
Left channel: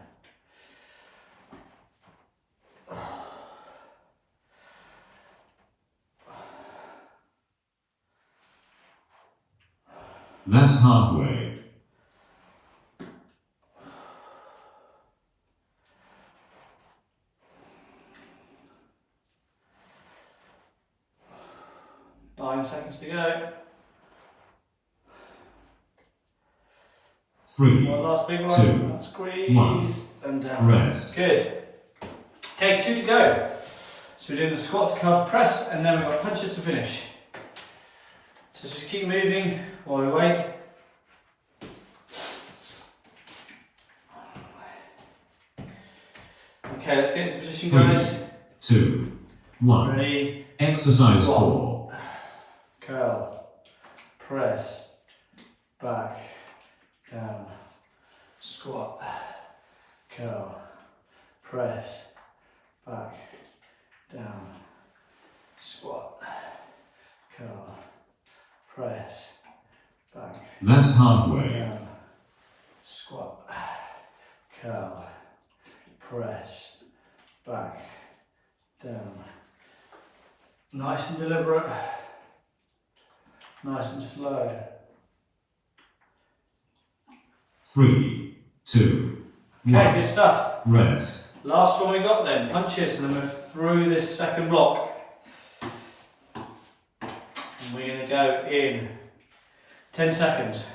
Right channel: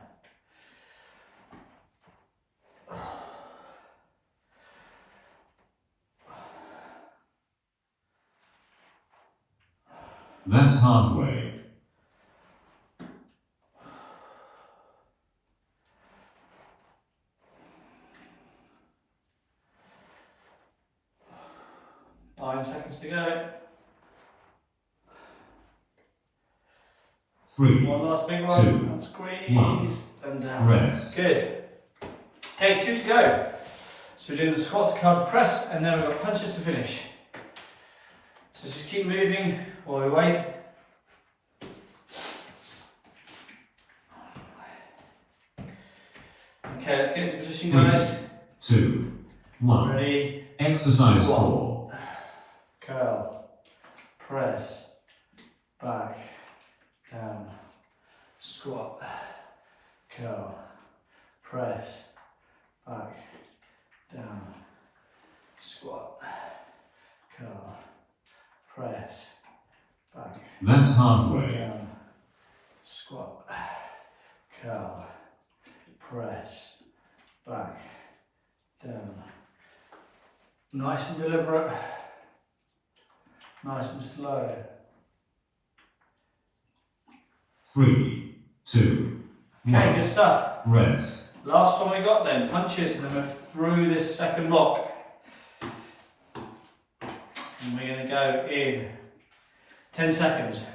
That's halfway. Nine seconds to go. 3, One last big 2, one. Squeeze 1. and down. Rest. Good. Okay, 2 to go. So we're doing the squat to curl to press, and then we've got punches to finish. So just keep moving while we wait. Okay, let's get into position, 3, guys. 2, 1. Ready? Exercise Squat. 4. Curl, press, back, down, squat, curl, press, back, down, squat, curl, press, That's halfway. Down, squat, curl, press, back, down. Nice and deliberate, nice and slow. 3, 2, Okay, 1. good stuff. Rest. Last one we got then, punches, and then we're through this second block. And we're going to go in 10 seconds.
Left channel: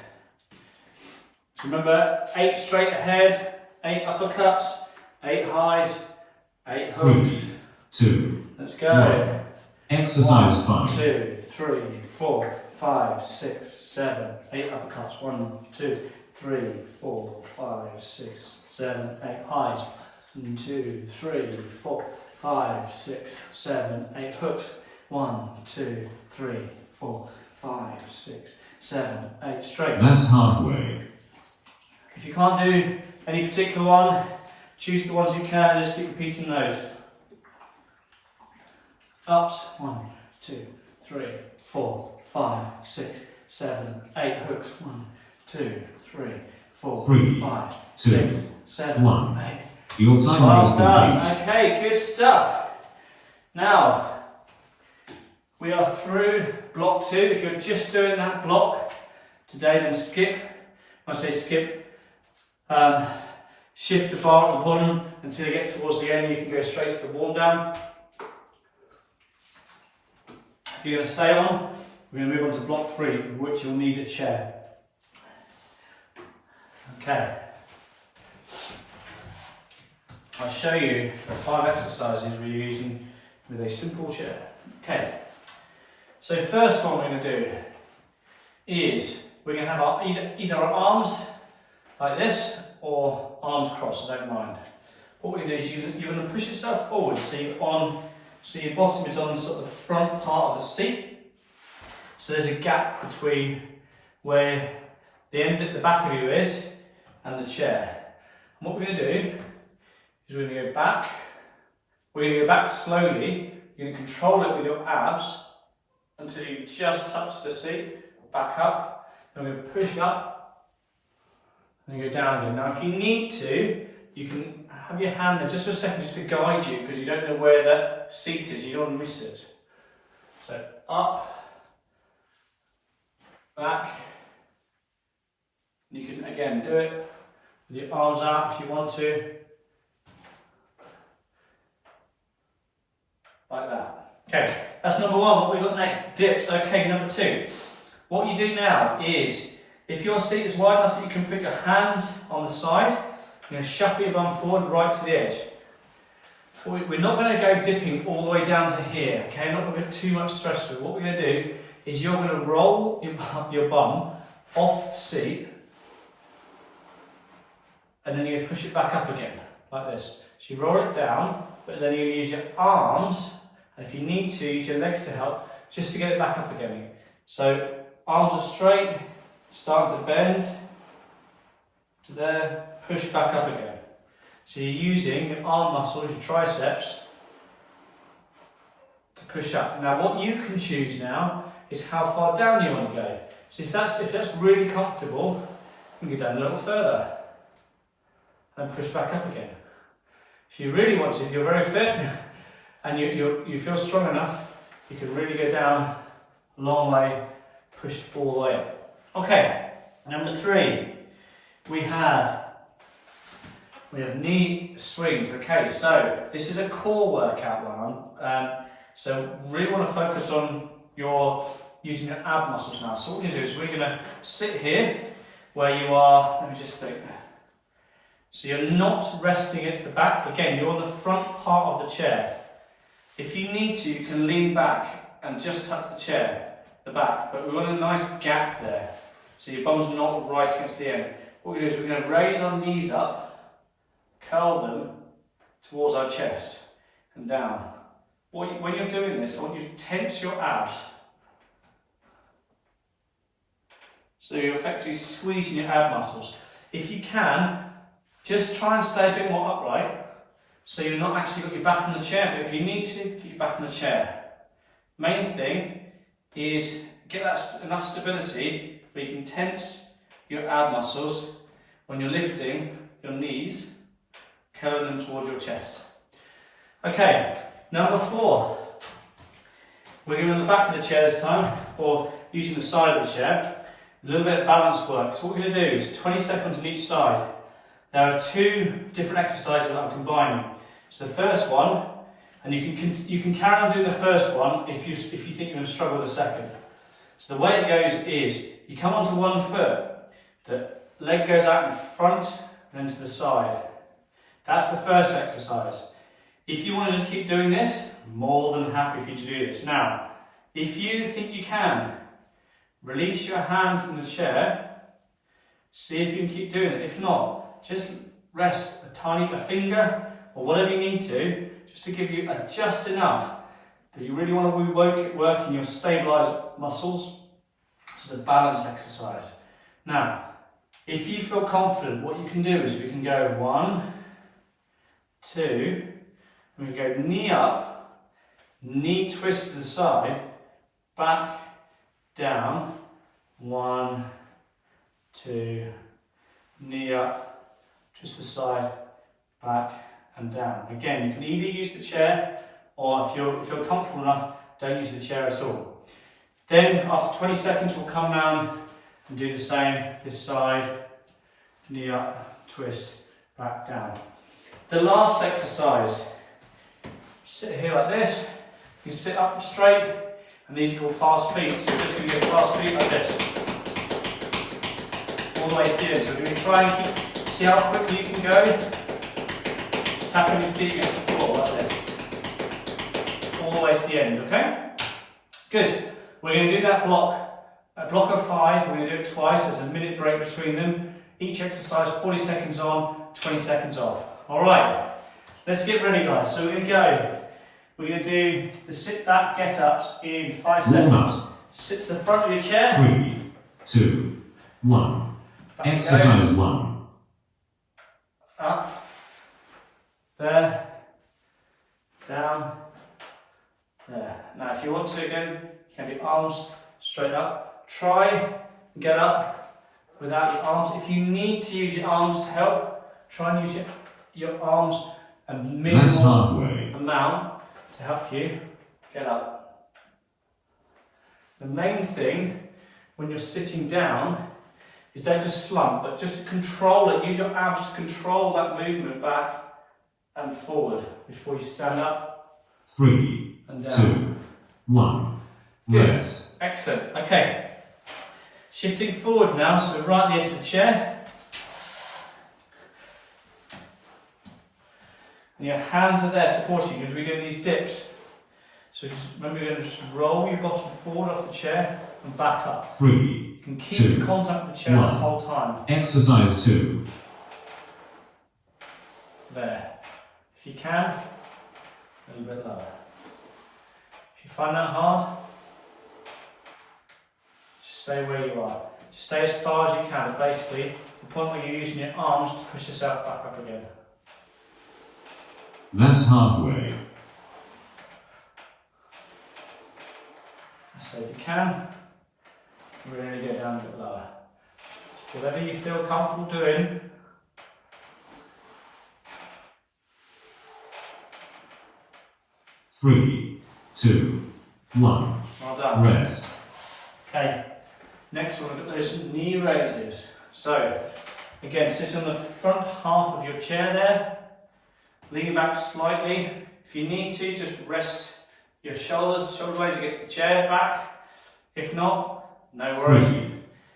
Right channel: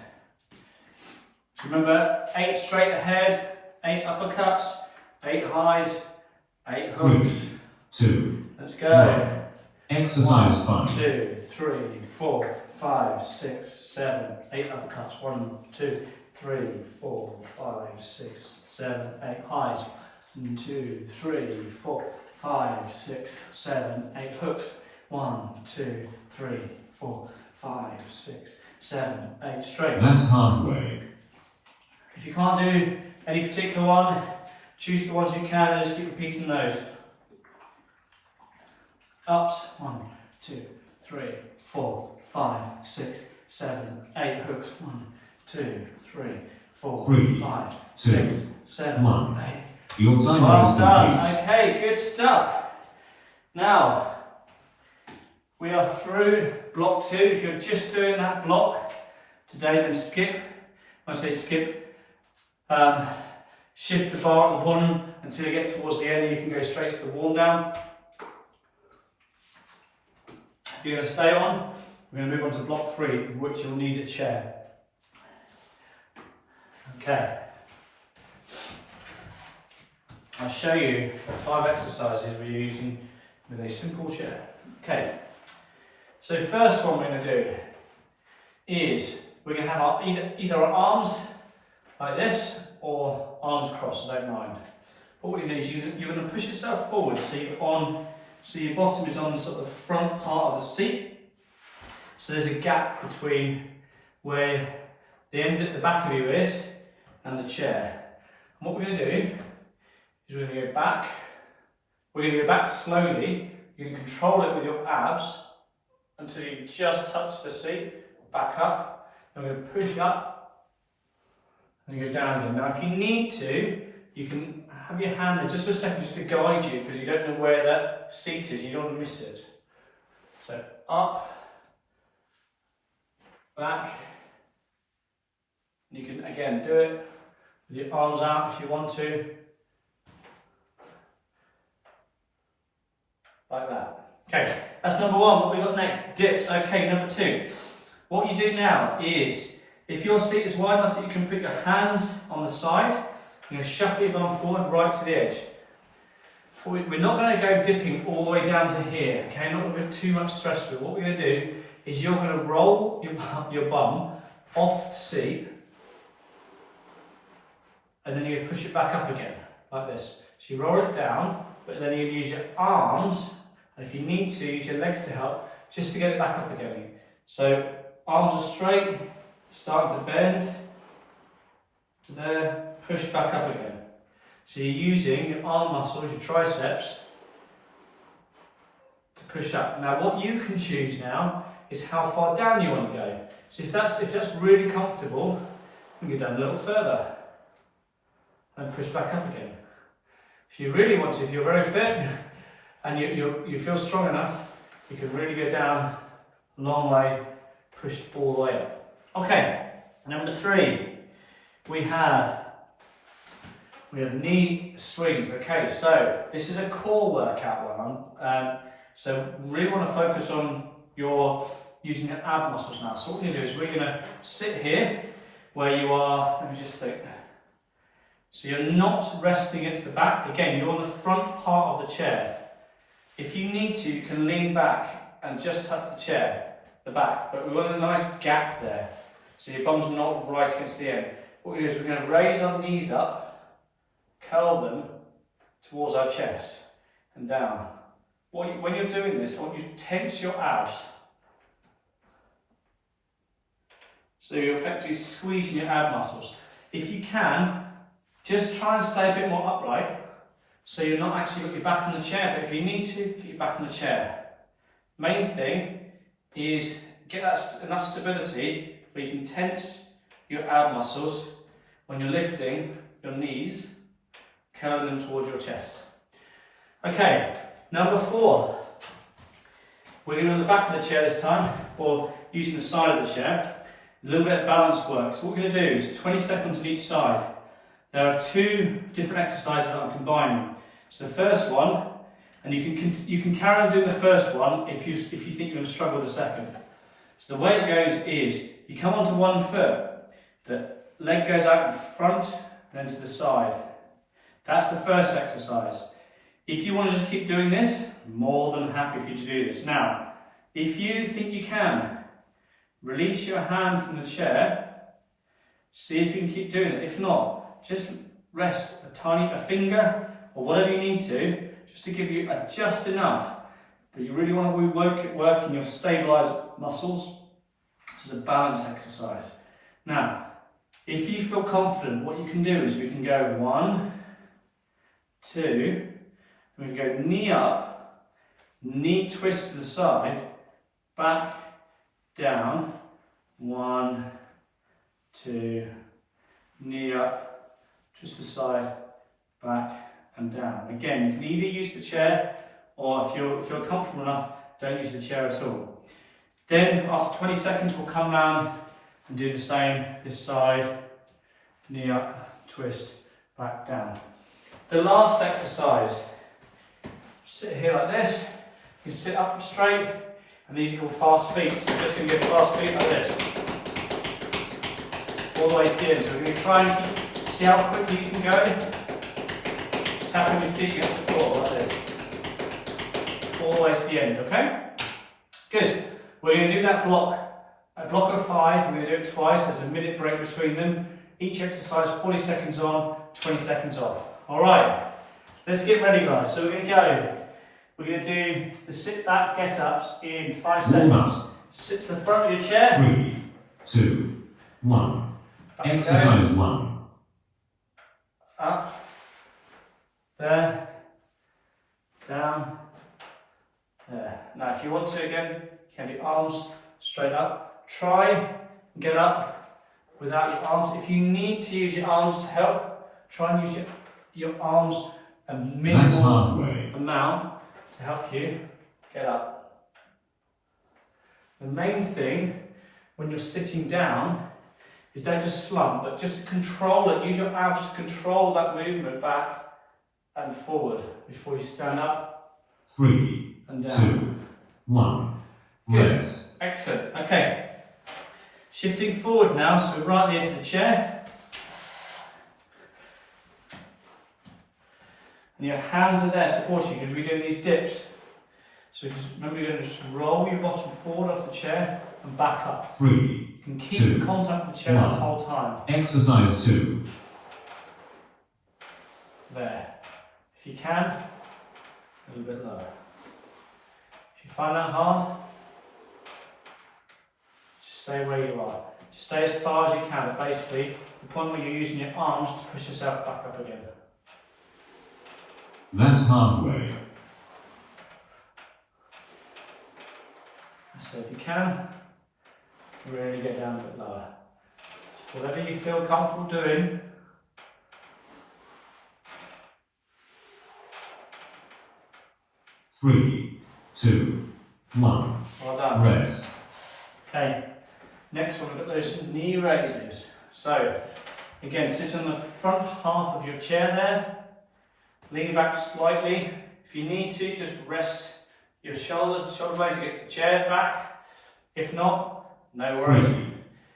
So remember, 8 straight ahead, 8 uppercuts, 8 highs, 8 hooks. 3, 2, Let's go. 1. Exercise 1, 5. 2, 3, 4, 5, 6, 7, 8 uppercuts. 1, 2, 3, 4, 5, 6, 7, 8 highs. 1, 2, 3, 4, 5, 6, 7, 8 hooks. 1, 2, 3, 4, 5, 6, 7, 8 straight. That's halfway. If you can't do any particular one, choose the ones you can and just keep repeating those. Ups, 1, 2, 3, 4, 5, 6, 7, 8 hooks. 1, 2, 3, 4, 3, 5, 2, 6, 7, 1. 8. Your timer is Well complete. done. Okay, good stuff. Now, we are through block 2. If you're just doing that block today, then skip. When I say skip, shift the bar at the bottom until you get towards the end. You can go straight to the warm down. If you're going to stay on, we're going to move on to block 3, in which you'll need a chair. Okay. I'll show you the 5 exercises we're using with a simple chair. Okay. So first one we're going to do is we're going to have our, either our arms like this or arms crossed, I don't mind. What we're going to do is you're going to push yourself forward so your bottom is on the sort of front part of the seat. So there's a gap between where the end at the back of you is and the chair. And what we're going to do is we're going to go back. We're going to go back slowly. You're going to control it with your abs until you just touch the seat, back up, and we're going to push up, and go down again. Now if you need to, you can have your hand there just for a second just to guide you, because you don't know where that seat is, you don't want to miss it. So up, back, you can again do it with your arms out if you want to, like that. Okay, that's number 1. What we got next? Dips. Okay, number 2. What you do now is, if your seat is wide enough that you can put your hands on the side, you're going to shuffle your bum forward right to the edge. We're not going to go dipping all the way down to here, okay? Not going to put too much stress through. What we're going to do is you're going to roll your bum off the seat, and then you're going to push it back up again, like this. So you roll it down, but then you use your arms, and if you need to, use your legs to help, just to get it back up again. So arms are straight, starting to bend, to there, push back up again. So you're using your arm muscles, your triceps, to push up. Now what you can choose now is how far down you want to go. So if that's really comfortable, you can go down a little further and push back up again. If you really want to, if you're very fit and you feel strong enough, you can really go down a long way, push all the way up. Okay, number 3, we have knee swings. Okay, so this is a core workout one. So really want to focus on using your ab muscles now. So what we're going to do is we're going to sit here where you are, let me just think. So you're not resting into the back. Again, you're on the front part of the chair. If you need to, you can lean back and just touch the chair, the back, but we want a nice gap there. So your bum's not right against the end. What we're going to do is we're going to raise our knees up, curl them towards our chest and down. When you're doing this, I want you to tense your abs. So you're effectively squeezing your ab muscles. If you can, just try and stay a bit more upright, so you're not actually got your back on the chair, but if you need to, put your back on the chair. Main thing is get that enough stability where but you can tense your ab muscles when you're lifting your knees, curling them towards your chest. Okay, number 4. We're going to the back of the chair this time, or using the side of the chair. A little bit of balance work. So what we're going to do is 20 seconds on each side. There are 2 different exercises that I'm combining. So the first one, and you can carry on doing the first one if you think you're going to struggle with the second. So the way it goes is you come onto one foot, the leg goes out in front and then to the side. That's the first exercise. If you want to just keep doing this, I'm more than happy for you to do this. Now, if you think you can, release your hand from the chair, see if you can keep doing it. If not, just rest a finger or whatever you need to, just to give you just enough that you really want to be working your stabilised muscles. This is a balance exercise. Now, if you feel confident, what you can do is we can go 1, 2, and we can go knee up, knee twist to the side, back, down, 1, 2, knee up, twist the side, back and down. Again, you can either use the chair, or if you're comfortable enough, don't use the chair at all. Then after 20 seconds, we'll come round and do the same this side, knee up, twist, back down. The last exercise, sit here like this, you can sit up straight, and these are called fast feet, so we're just going to get fast feet like this, all the way to the end. So we're going to try and see how quickly you can go, tapping your feet against the floor like this, all the way to the end, okay? Good. We're going to do that block, a block of 5, we're going to do it twice, there's a minute break between them. Each exercise 40 seconds on, 20 seconds off. Alright, let's get ready guys. So we're going to go. We're going to do the sit back get ups in 5 seconds. So sit to the front of your chair. 3, 2, 1. Back Exercise 1. Up. There. Down. There. Now if you want to again, you can have your arms straight up. Try and get up without your arms. If you need to use your arms to help, try and use your arms a minimal amount to help you get up. The main thing when you're sitting down is don't just slump, but just control it. Use your abs to control that movement back and forward before you stand up. 3, and down. 2, 1. Good. Rest. Excellent. Okay. Shifting forward now, so we're right at the edge of the chair. And your hands are there supporting you because we're doing these dips. So just remember, you're going to just roll your bottom forward off the chair and back up. 3, You can keep 2, in contact with the chair 1. the whole time. Exercise 2. There. If you can, a little bit lower. If you find that hard, just stay where you are. Just stay as far as you can, but basically the point where you're using your arms to push yourself back up again. That's halfway. So if you can, really get down a bit lower. Whatever you feel comfortable doing. Three, 2, 1. Well done. Rest. Okay, next one, we've got those knee raises. So, again, sit on the front half of your chair there. Lean back slightly. If you need to, just rest your shoulder blades to get to the chair back. If not, no worries. 3,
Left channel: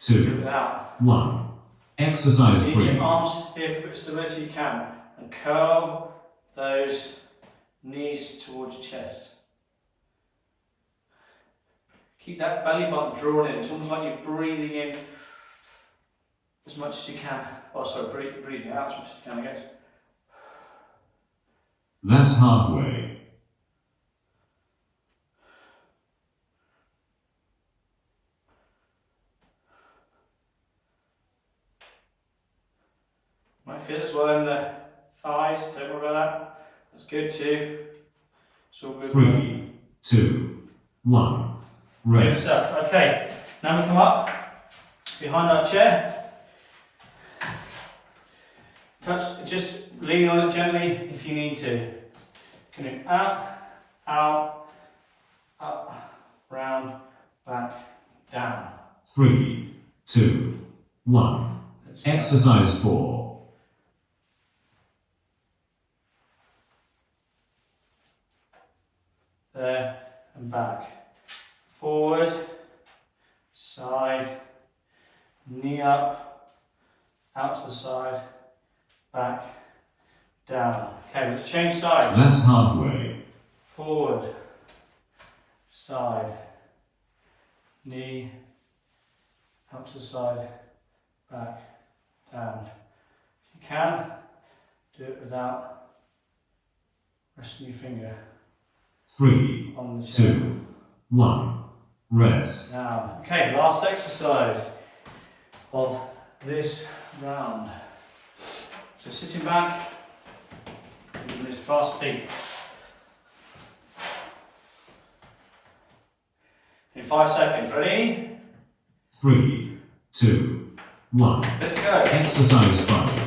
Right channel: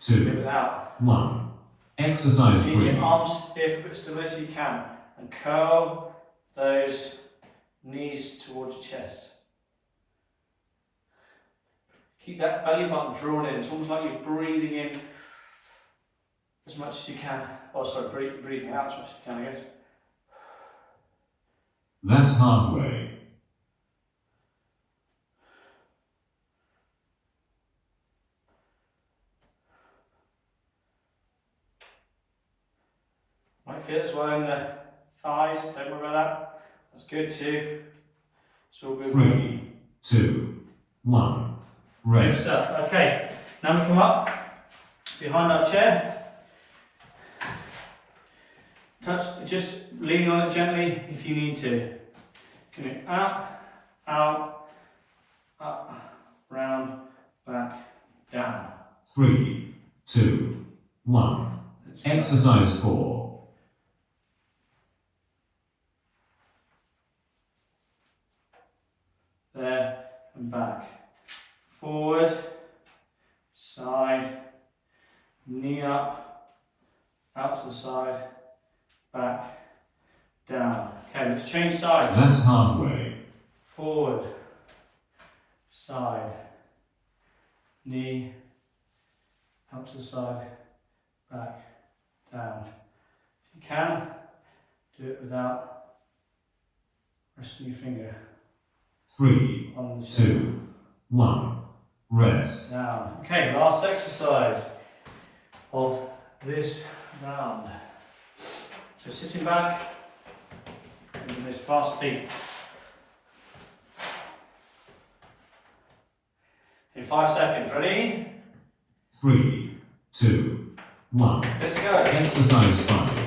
Do it 2, without. 1. Exercise Use 3. your arms here for as stability as you can. And curl those knees towards your chest. Keep that belly button drawn in. It's almost like you're breathing in as much as you can. Oh, sorry, breathing out as much as you can, I guess. That's halfway. Might feel it as well in the thighs, don't worry about that. That's good too. It's all good. 3, 2, 1. Good Rest. stuff. Okay, now we come up. behind that chair. Touch, just lean on it gently if you need to. Coming up, out, up, round, back, down. 3, 2, 1. Exercise 4. There and back. Forward, side, knee up, out to the side, back, down. Okay, let's change sides. That's halfway. Forward, side, knee, out to the side, back, down. If you can, do it without resting your finger 3, on the chair. 2, 1. Rest. Down. Okay, last exercise of this round. So sitting back, with this fast feet. In 5 seconds, ready? 3, 2, 1. Let's go. Exercise 5.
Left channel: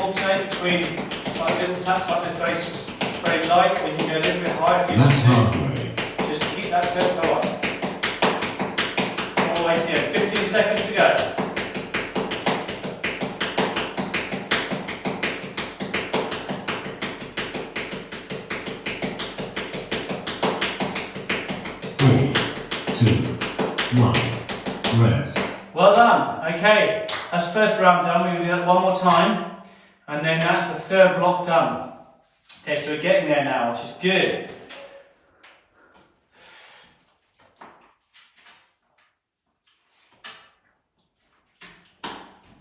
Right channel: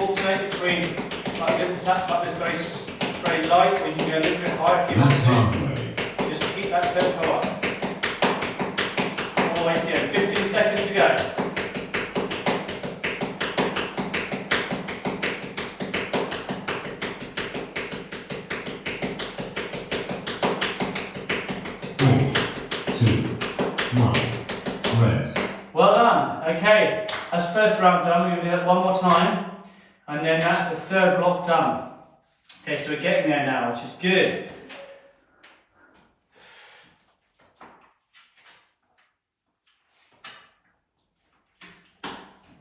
Alternate between like little taps like this, very light, we can go a little bit higher if you That's want to. halfway. Just keep that tempo up. All the way to the end. 15 seconds to go. Three, 2, 1. Rest. Well done. Okay, that's the first round done. We're going to do that one more time. And then that's the third block done. Okay, so we're getting there now, which is good.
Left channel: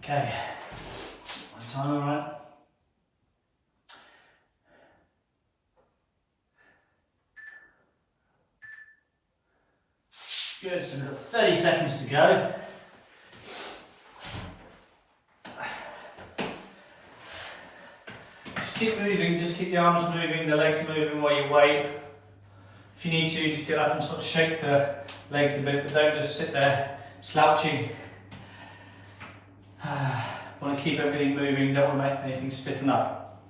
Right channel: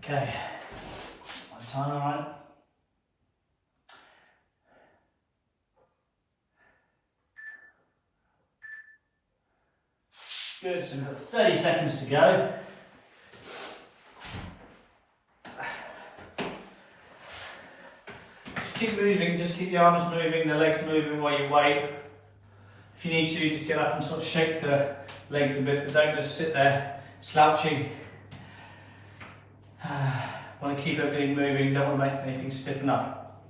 Okay, one time, all right. Good, so we've got 30 seconds to go. Keep moving, just keep the arms moving, the legs moving while you wait. If you need to, just get up and sort of shake the legs a bit, but don't just sit there slouching. Want to keep everything moving, don't want to make anything stiffen up.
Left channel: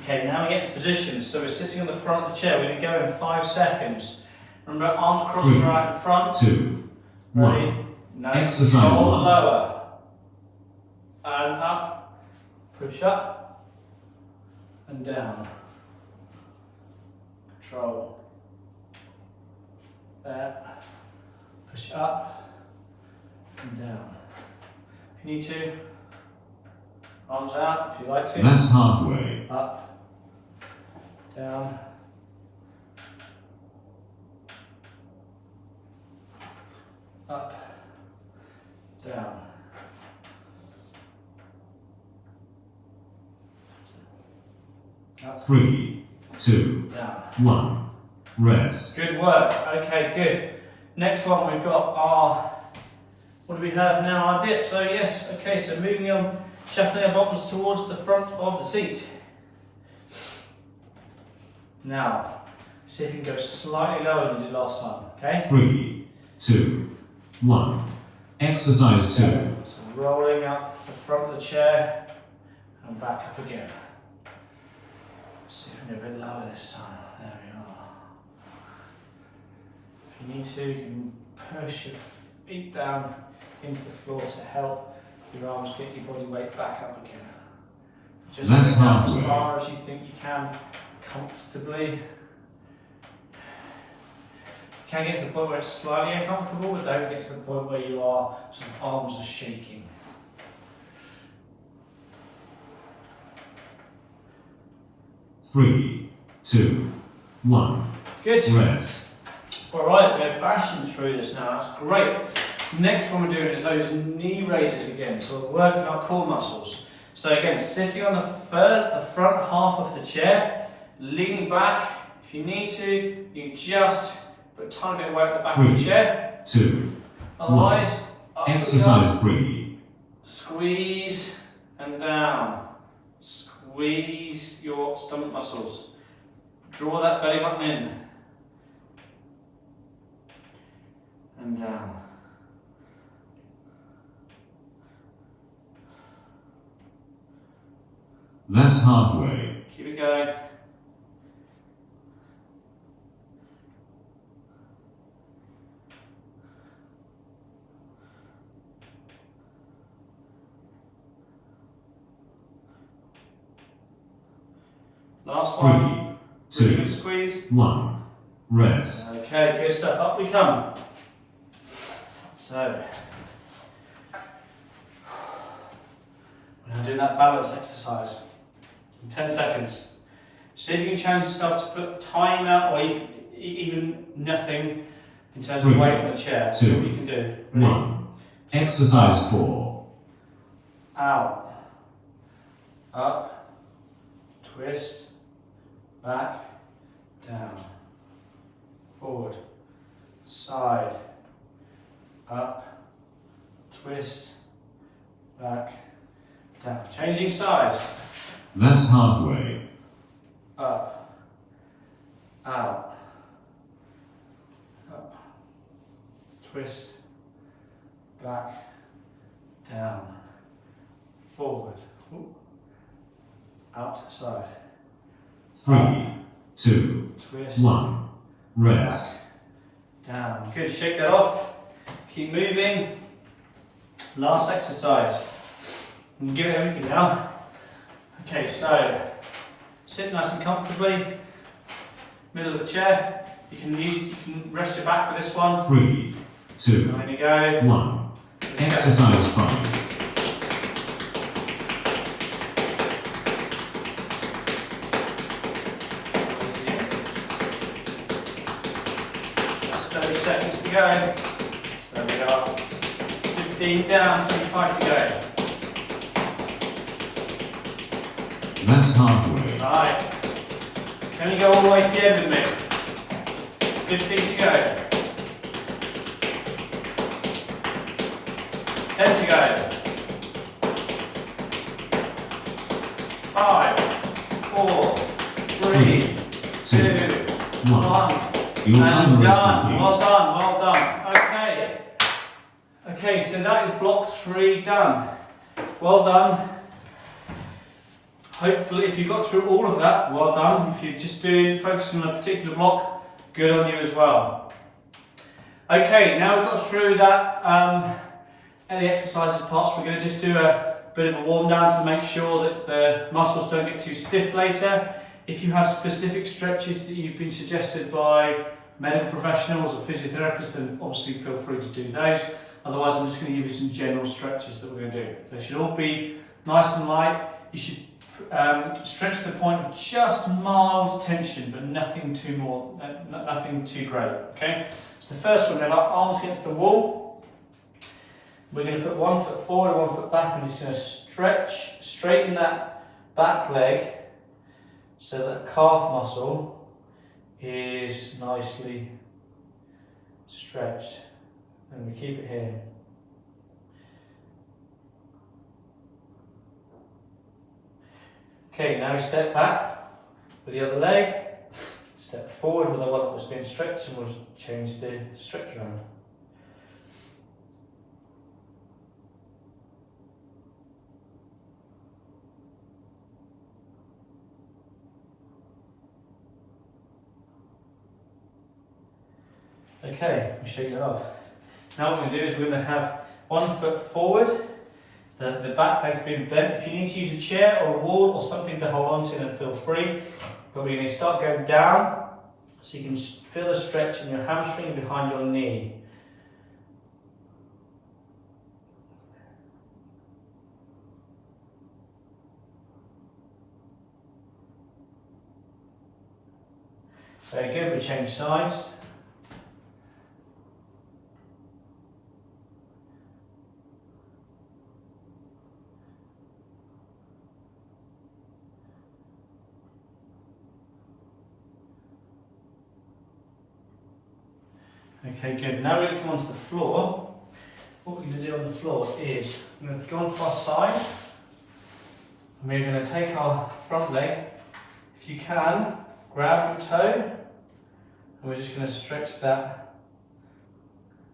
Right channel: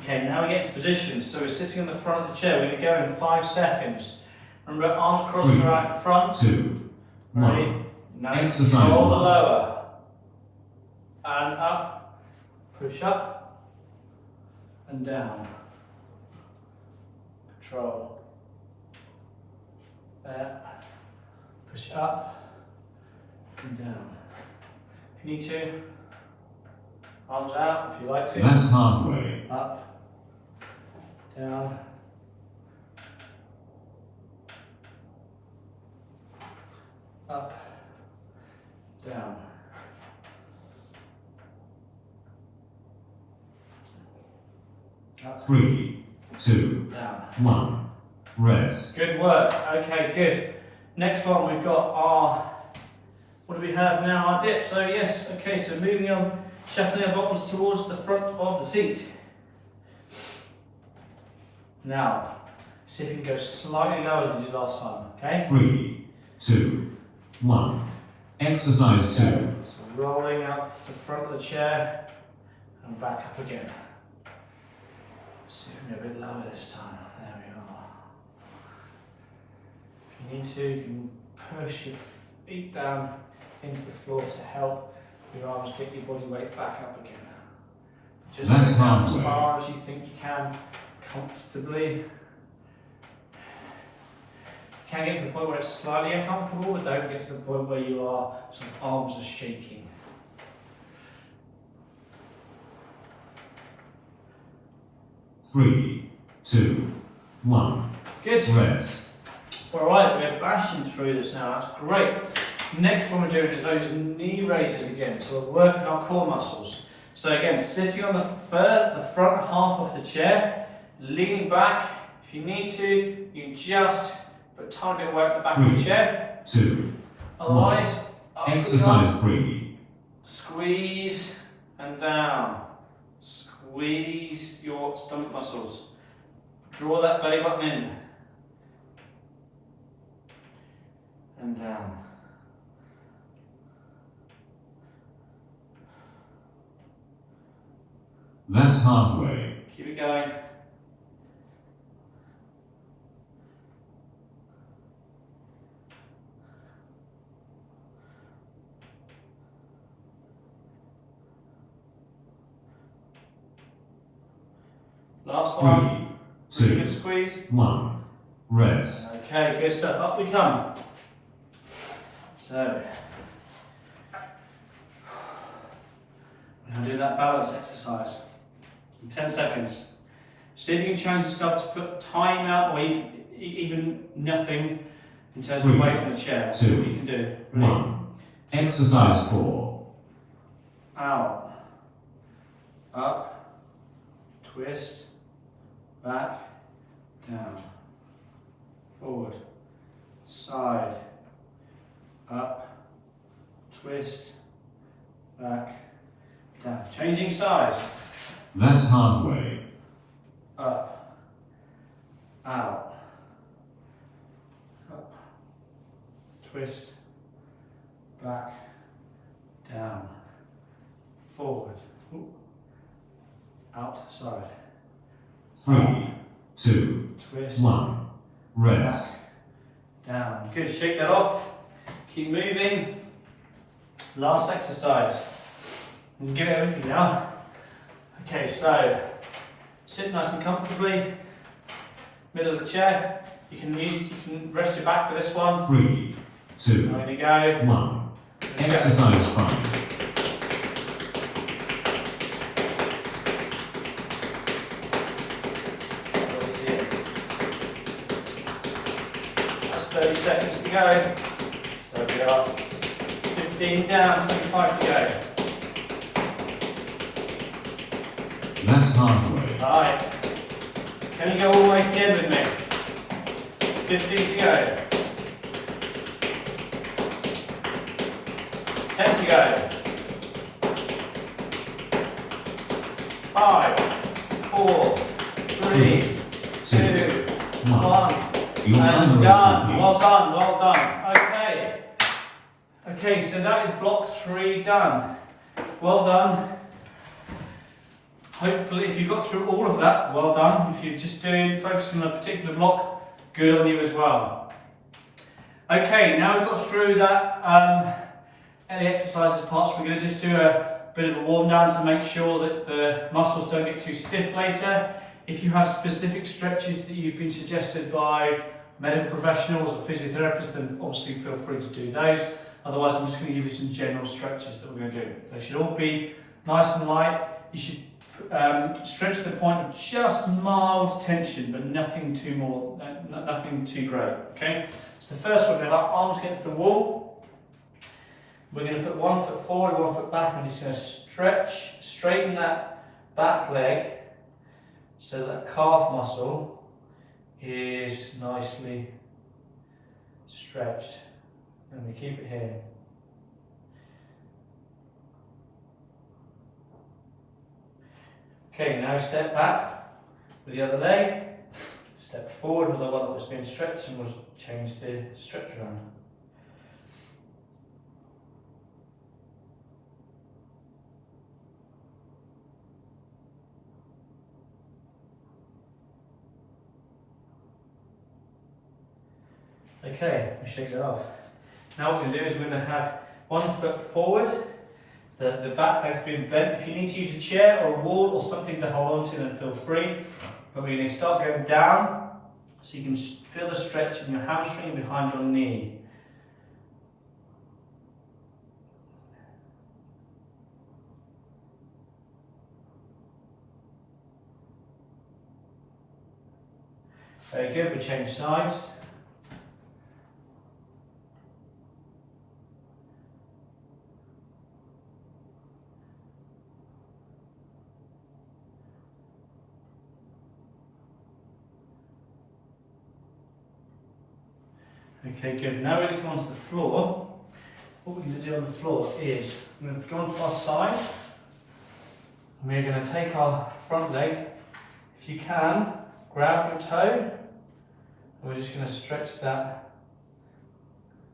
Okay, now we get to position. So we're sitting in the front of the chair, we're going to go in 5 seconds. Remember, arms crossed are out in front. 2, Ready? 1. No, Exercise control the 1. lower. And up, push up. And down. Control. There. Push it up and down. If you need to, arms out if you like to. That's halfway. Up, down, up, down. Up, 3, 2, down. 1. Rest. Good work. Okay, good. Next one we've got our, what do we have now? Our dip. So yes, okay, so moving on, shuffling our bottoms towards the front of the seat. Now, see if you can go slightly lower than you did last time, okay? 3, 2, 1. Exercise 2. So rolling up the front of the chair and back up again. Let's see if we can go a bit lower this time. There we are. If you need to, you can push your feet down into the floor to help your arms get your body weight back up again. Just go That's down as halfway. far as you think you can comfortably. You can get to the point where it's slightly uncomfortable, but don't get to the point where you are sort of arms are shaking. Three, 2, 1. Good. Rest. Alright, we're bashing through this now, that's great. Next one we're doing is those knee raises again, so we're working our core muscles. So again, sitting on the front half of the chair, leaning back. If you need to, you can just put a tiny bit of weight at the back of the chair. 2, Otherwise, up we Exercise go. 3. Squeeze and down. Squeeze your stomach muscles. Draw that belly button in. And down. That's halfway. Keep it going. Last one. 3, Really 2, good squeeze. 1. Rest. Okay, good stuff. Up we come. So, we're now doing that balance exercise in 10 seconds. See if you can challenge yourself to put time out or even nothing in terms of 3, weight on the chair. See 2, what you can do. Ready? 1. Exercise 4. Out, up, twist, back, down, forward, side, up, twist, back, down. Changing sides. That's halfway. Up, out, up, twist, back, down, forward, ooh, out to the side, 3, 2, twist, 1. Rest. back, down. Good, shake that off, keep moving. Last exercise. You can give it everything now. Okay, so sit nice and comfortably, middle of the chair. You can rest your back for this one. 3, 2, Now we go. 1. Let's go. Exercise 5. That's 30 seconds to go. So we are 15 down, 25 to go. That's halfway. Alright. Can you go all the way to the end with me? 15 to go. 10 to go. 5, 4, 3, 2, 1. 1. Your timer And is done. complete. Well done, well done. Okay. Okay, so that is block 3 done. Well done. Hopefully, if you got through all of that, well done. If you're just focusing on a particular block, good on you as well. Okay, now we've got through that any exercises parts, we're going to just do a bit of a warm down to make sure that the muscles don't get too stiff later. If you have specific stretches that you've been suggested by medical professionals or physiotherapists, then obviously feel free to do those. Otherwise, I'm just going to give you some general stretches that we're going to do. They should all be nice and light. You should stretch to the point of just mild tension, but nothing too great. Okay. So the first one, we have our arms against the wall. We're going to put 1 foot forward, 1 foot back, and just going to stretch, straighten that back leg so that calf muscle is nicely stretched, and we keep it here. Okay, now step back with the other leg, step forward with the one that was being stretched, and we'll change the stretch around. Okay, we'll shake that off. Now what we're going to do is we're going to have 1 foot forward, the back leg's being bent. If you need to use a chair or a wall or something to hold on to, then feel free. But we're going to start going down so you can feel the stretch in your hamstring behind your knee. Very good, we change sides. Okay, good. Now we're going to come onto the floor. what we're going to do on the floor is I'm going to go onto our side and we're going to take our front leg. If you can, grab your toe and we're just going to stretch that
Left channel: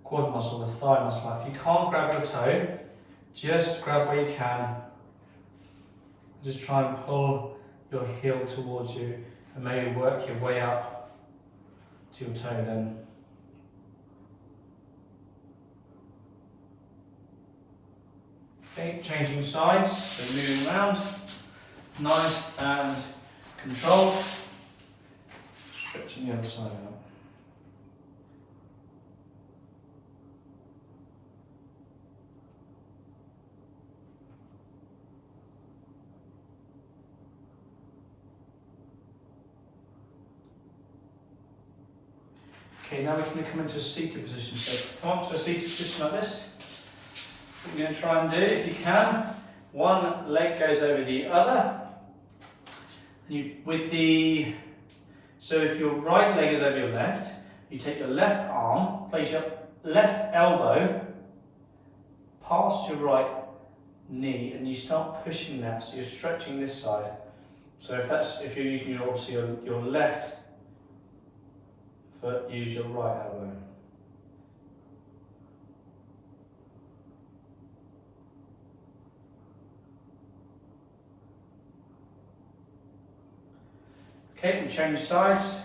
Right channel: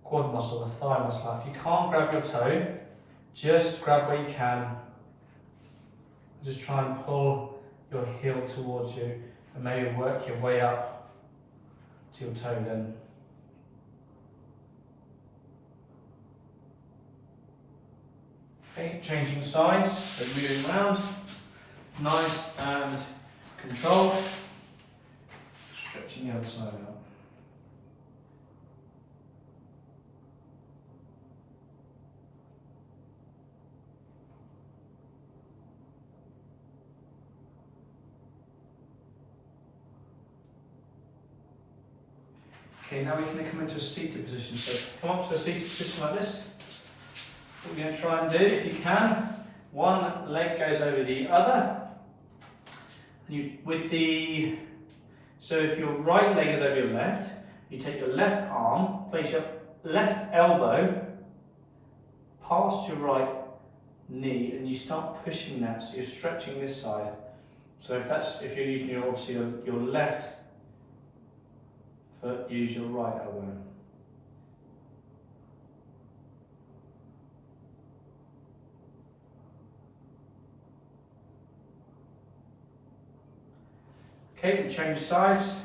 quad muscle, the thigh muscle. If you can't grab your toe, just grab where you can. Just try and pull your heel towards you and maybe work your way up to your toe then. Okay, changing sides, so moving around, nice and controlled, stretching the other side out. Okay, now we're going to come into a seated position. So come up to a seated position like this. What we're going to try and do, if you can, one leg goes over the other. And so if your right leg is over your left, you take your left arm, place your left elbow past your right knee, and you start pushing that. So you're stretching this side. So if you're using your left foot, use your right elbow. Okay, we'll change sides.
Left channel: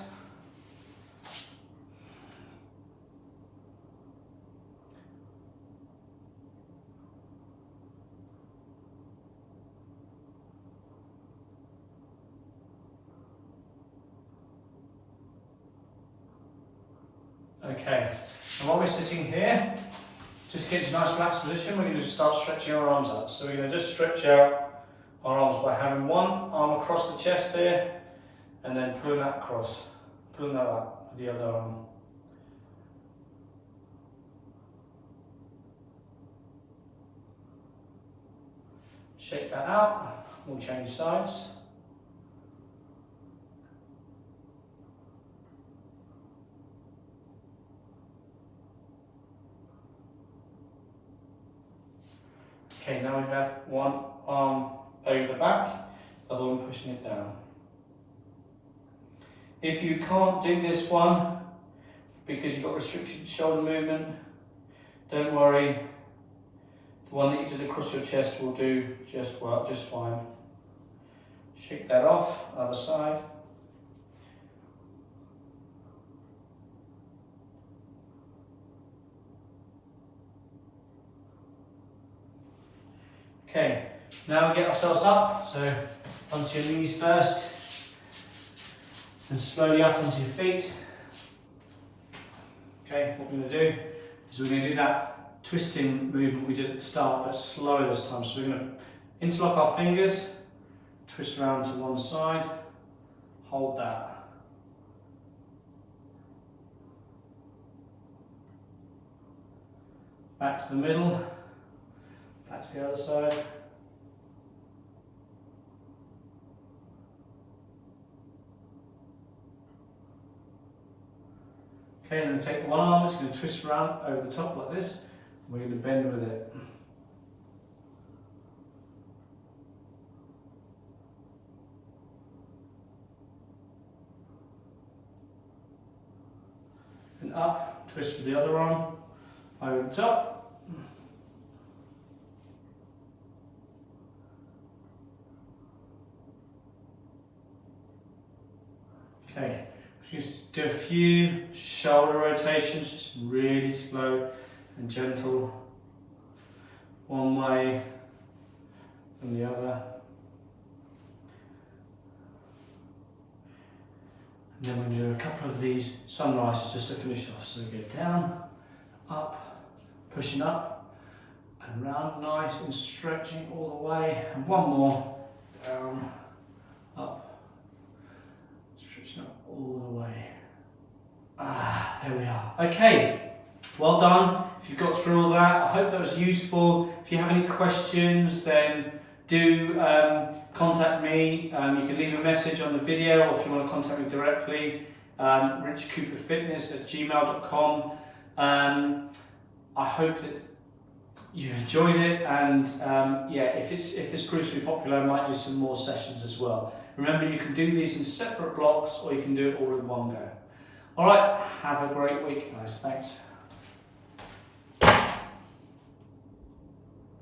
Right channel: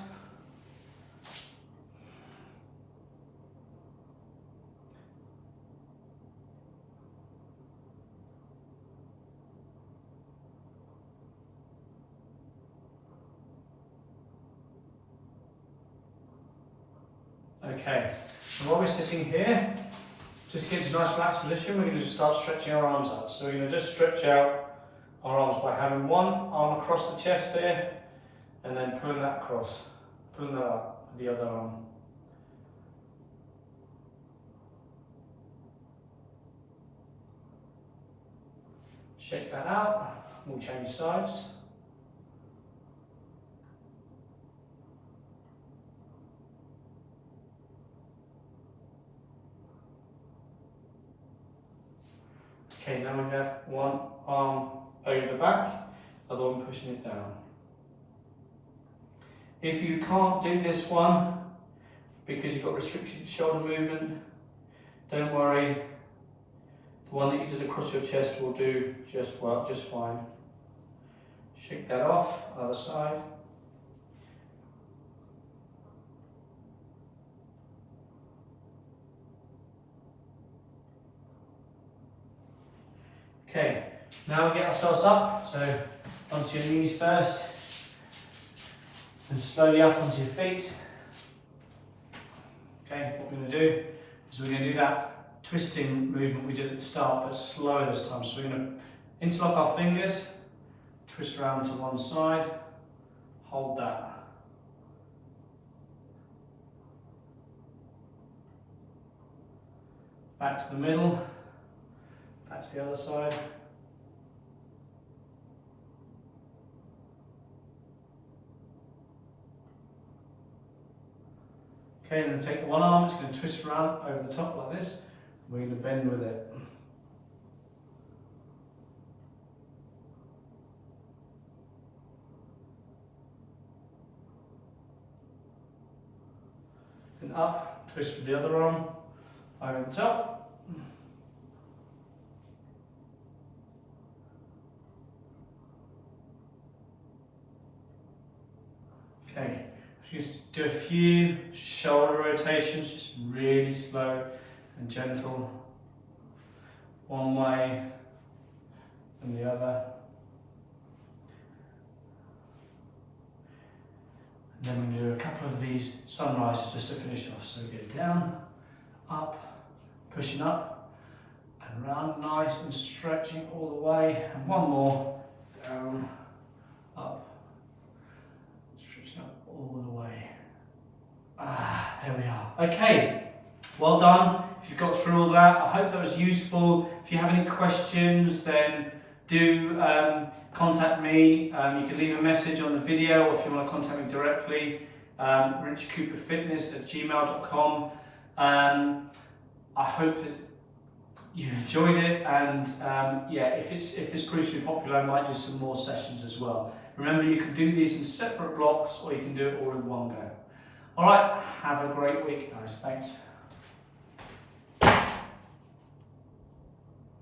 Okay, and while we're sitting here, just get to a nice relaxed position, we're going to just start stretching our arms up. So we're going to just stretch out our arms by having one arm across the chest there, and then pulling that across, pulling that up with the other arm. Shake that out, we'll change sides. Okay, now we have one arm over the back, other one pushing it down. If you can't do this one because you've got restricted shoulder movement, don't worry. The one that you did across your chest will do just fine. Shake that off, other side. Okay, now we get ourselves up, so onto your knees first. And slowly up onto your feet. Okay, what we're going to do is we're going to do that twisting movement we did at the start, but slower this time. So we're going to interlock our fingers, twist around to one side, hold that. Back to the middle, back to the other side. Okay, and then take one arm, it's going to twist around over the top like this. We're going to bend with it. And up, twist with the other arm, over the top. Okay. Just do a few shoulder rotations, just really slow and gentle. One way and the other. And then we're going to do a couple of these sunrises just to finish off. So we get down, up, pushing up, and round, nice and stretching all the way. And one more, down, up. All the way. There we are. Okay, well done. If you've got through all that, I hope that was useful. If you have any questions, then do contact me. You can leave a message on the video, or if you want to contact me directly, richcooperfitness@gmail.com. I hope that you enjoyed it, and yeah, if this proves to be popular, I might do some more sessions as well. Remember, you can do these in separate blocks, or you can do it all in one go. All right, have a great week, guys. Thanks.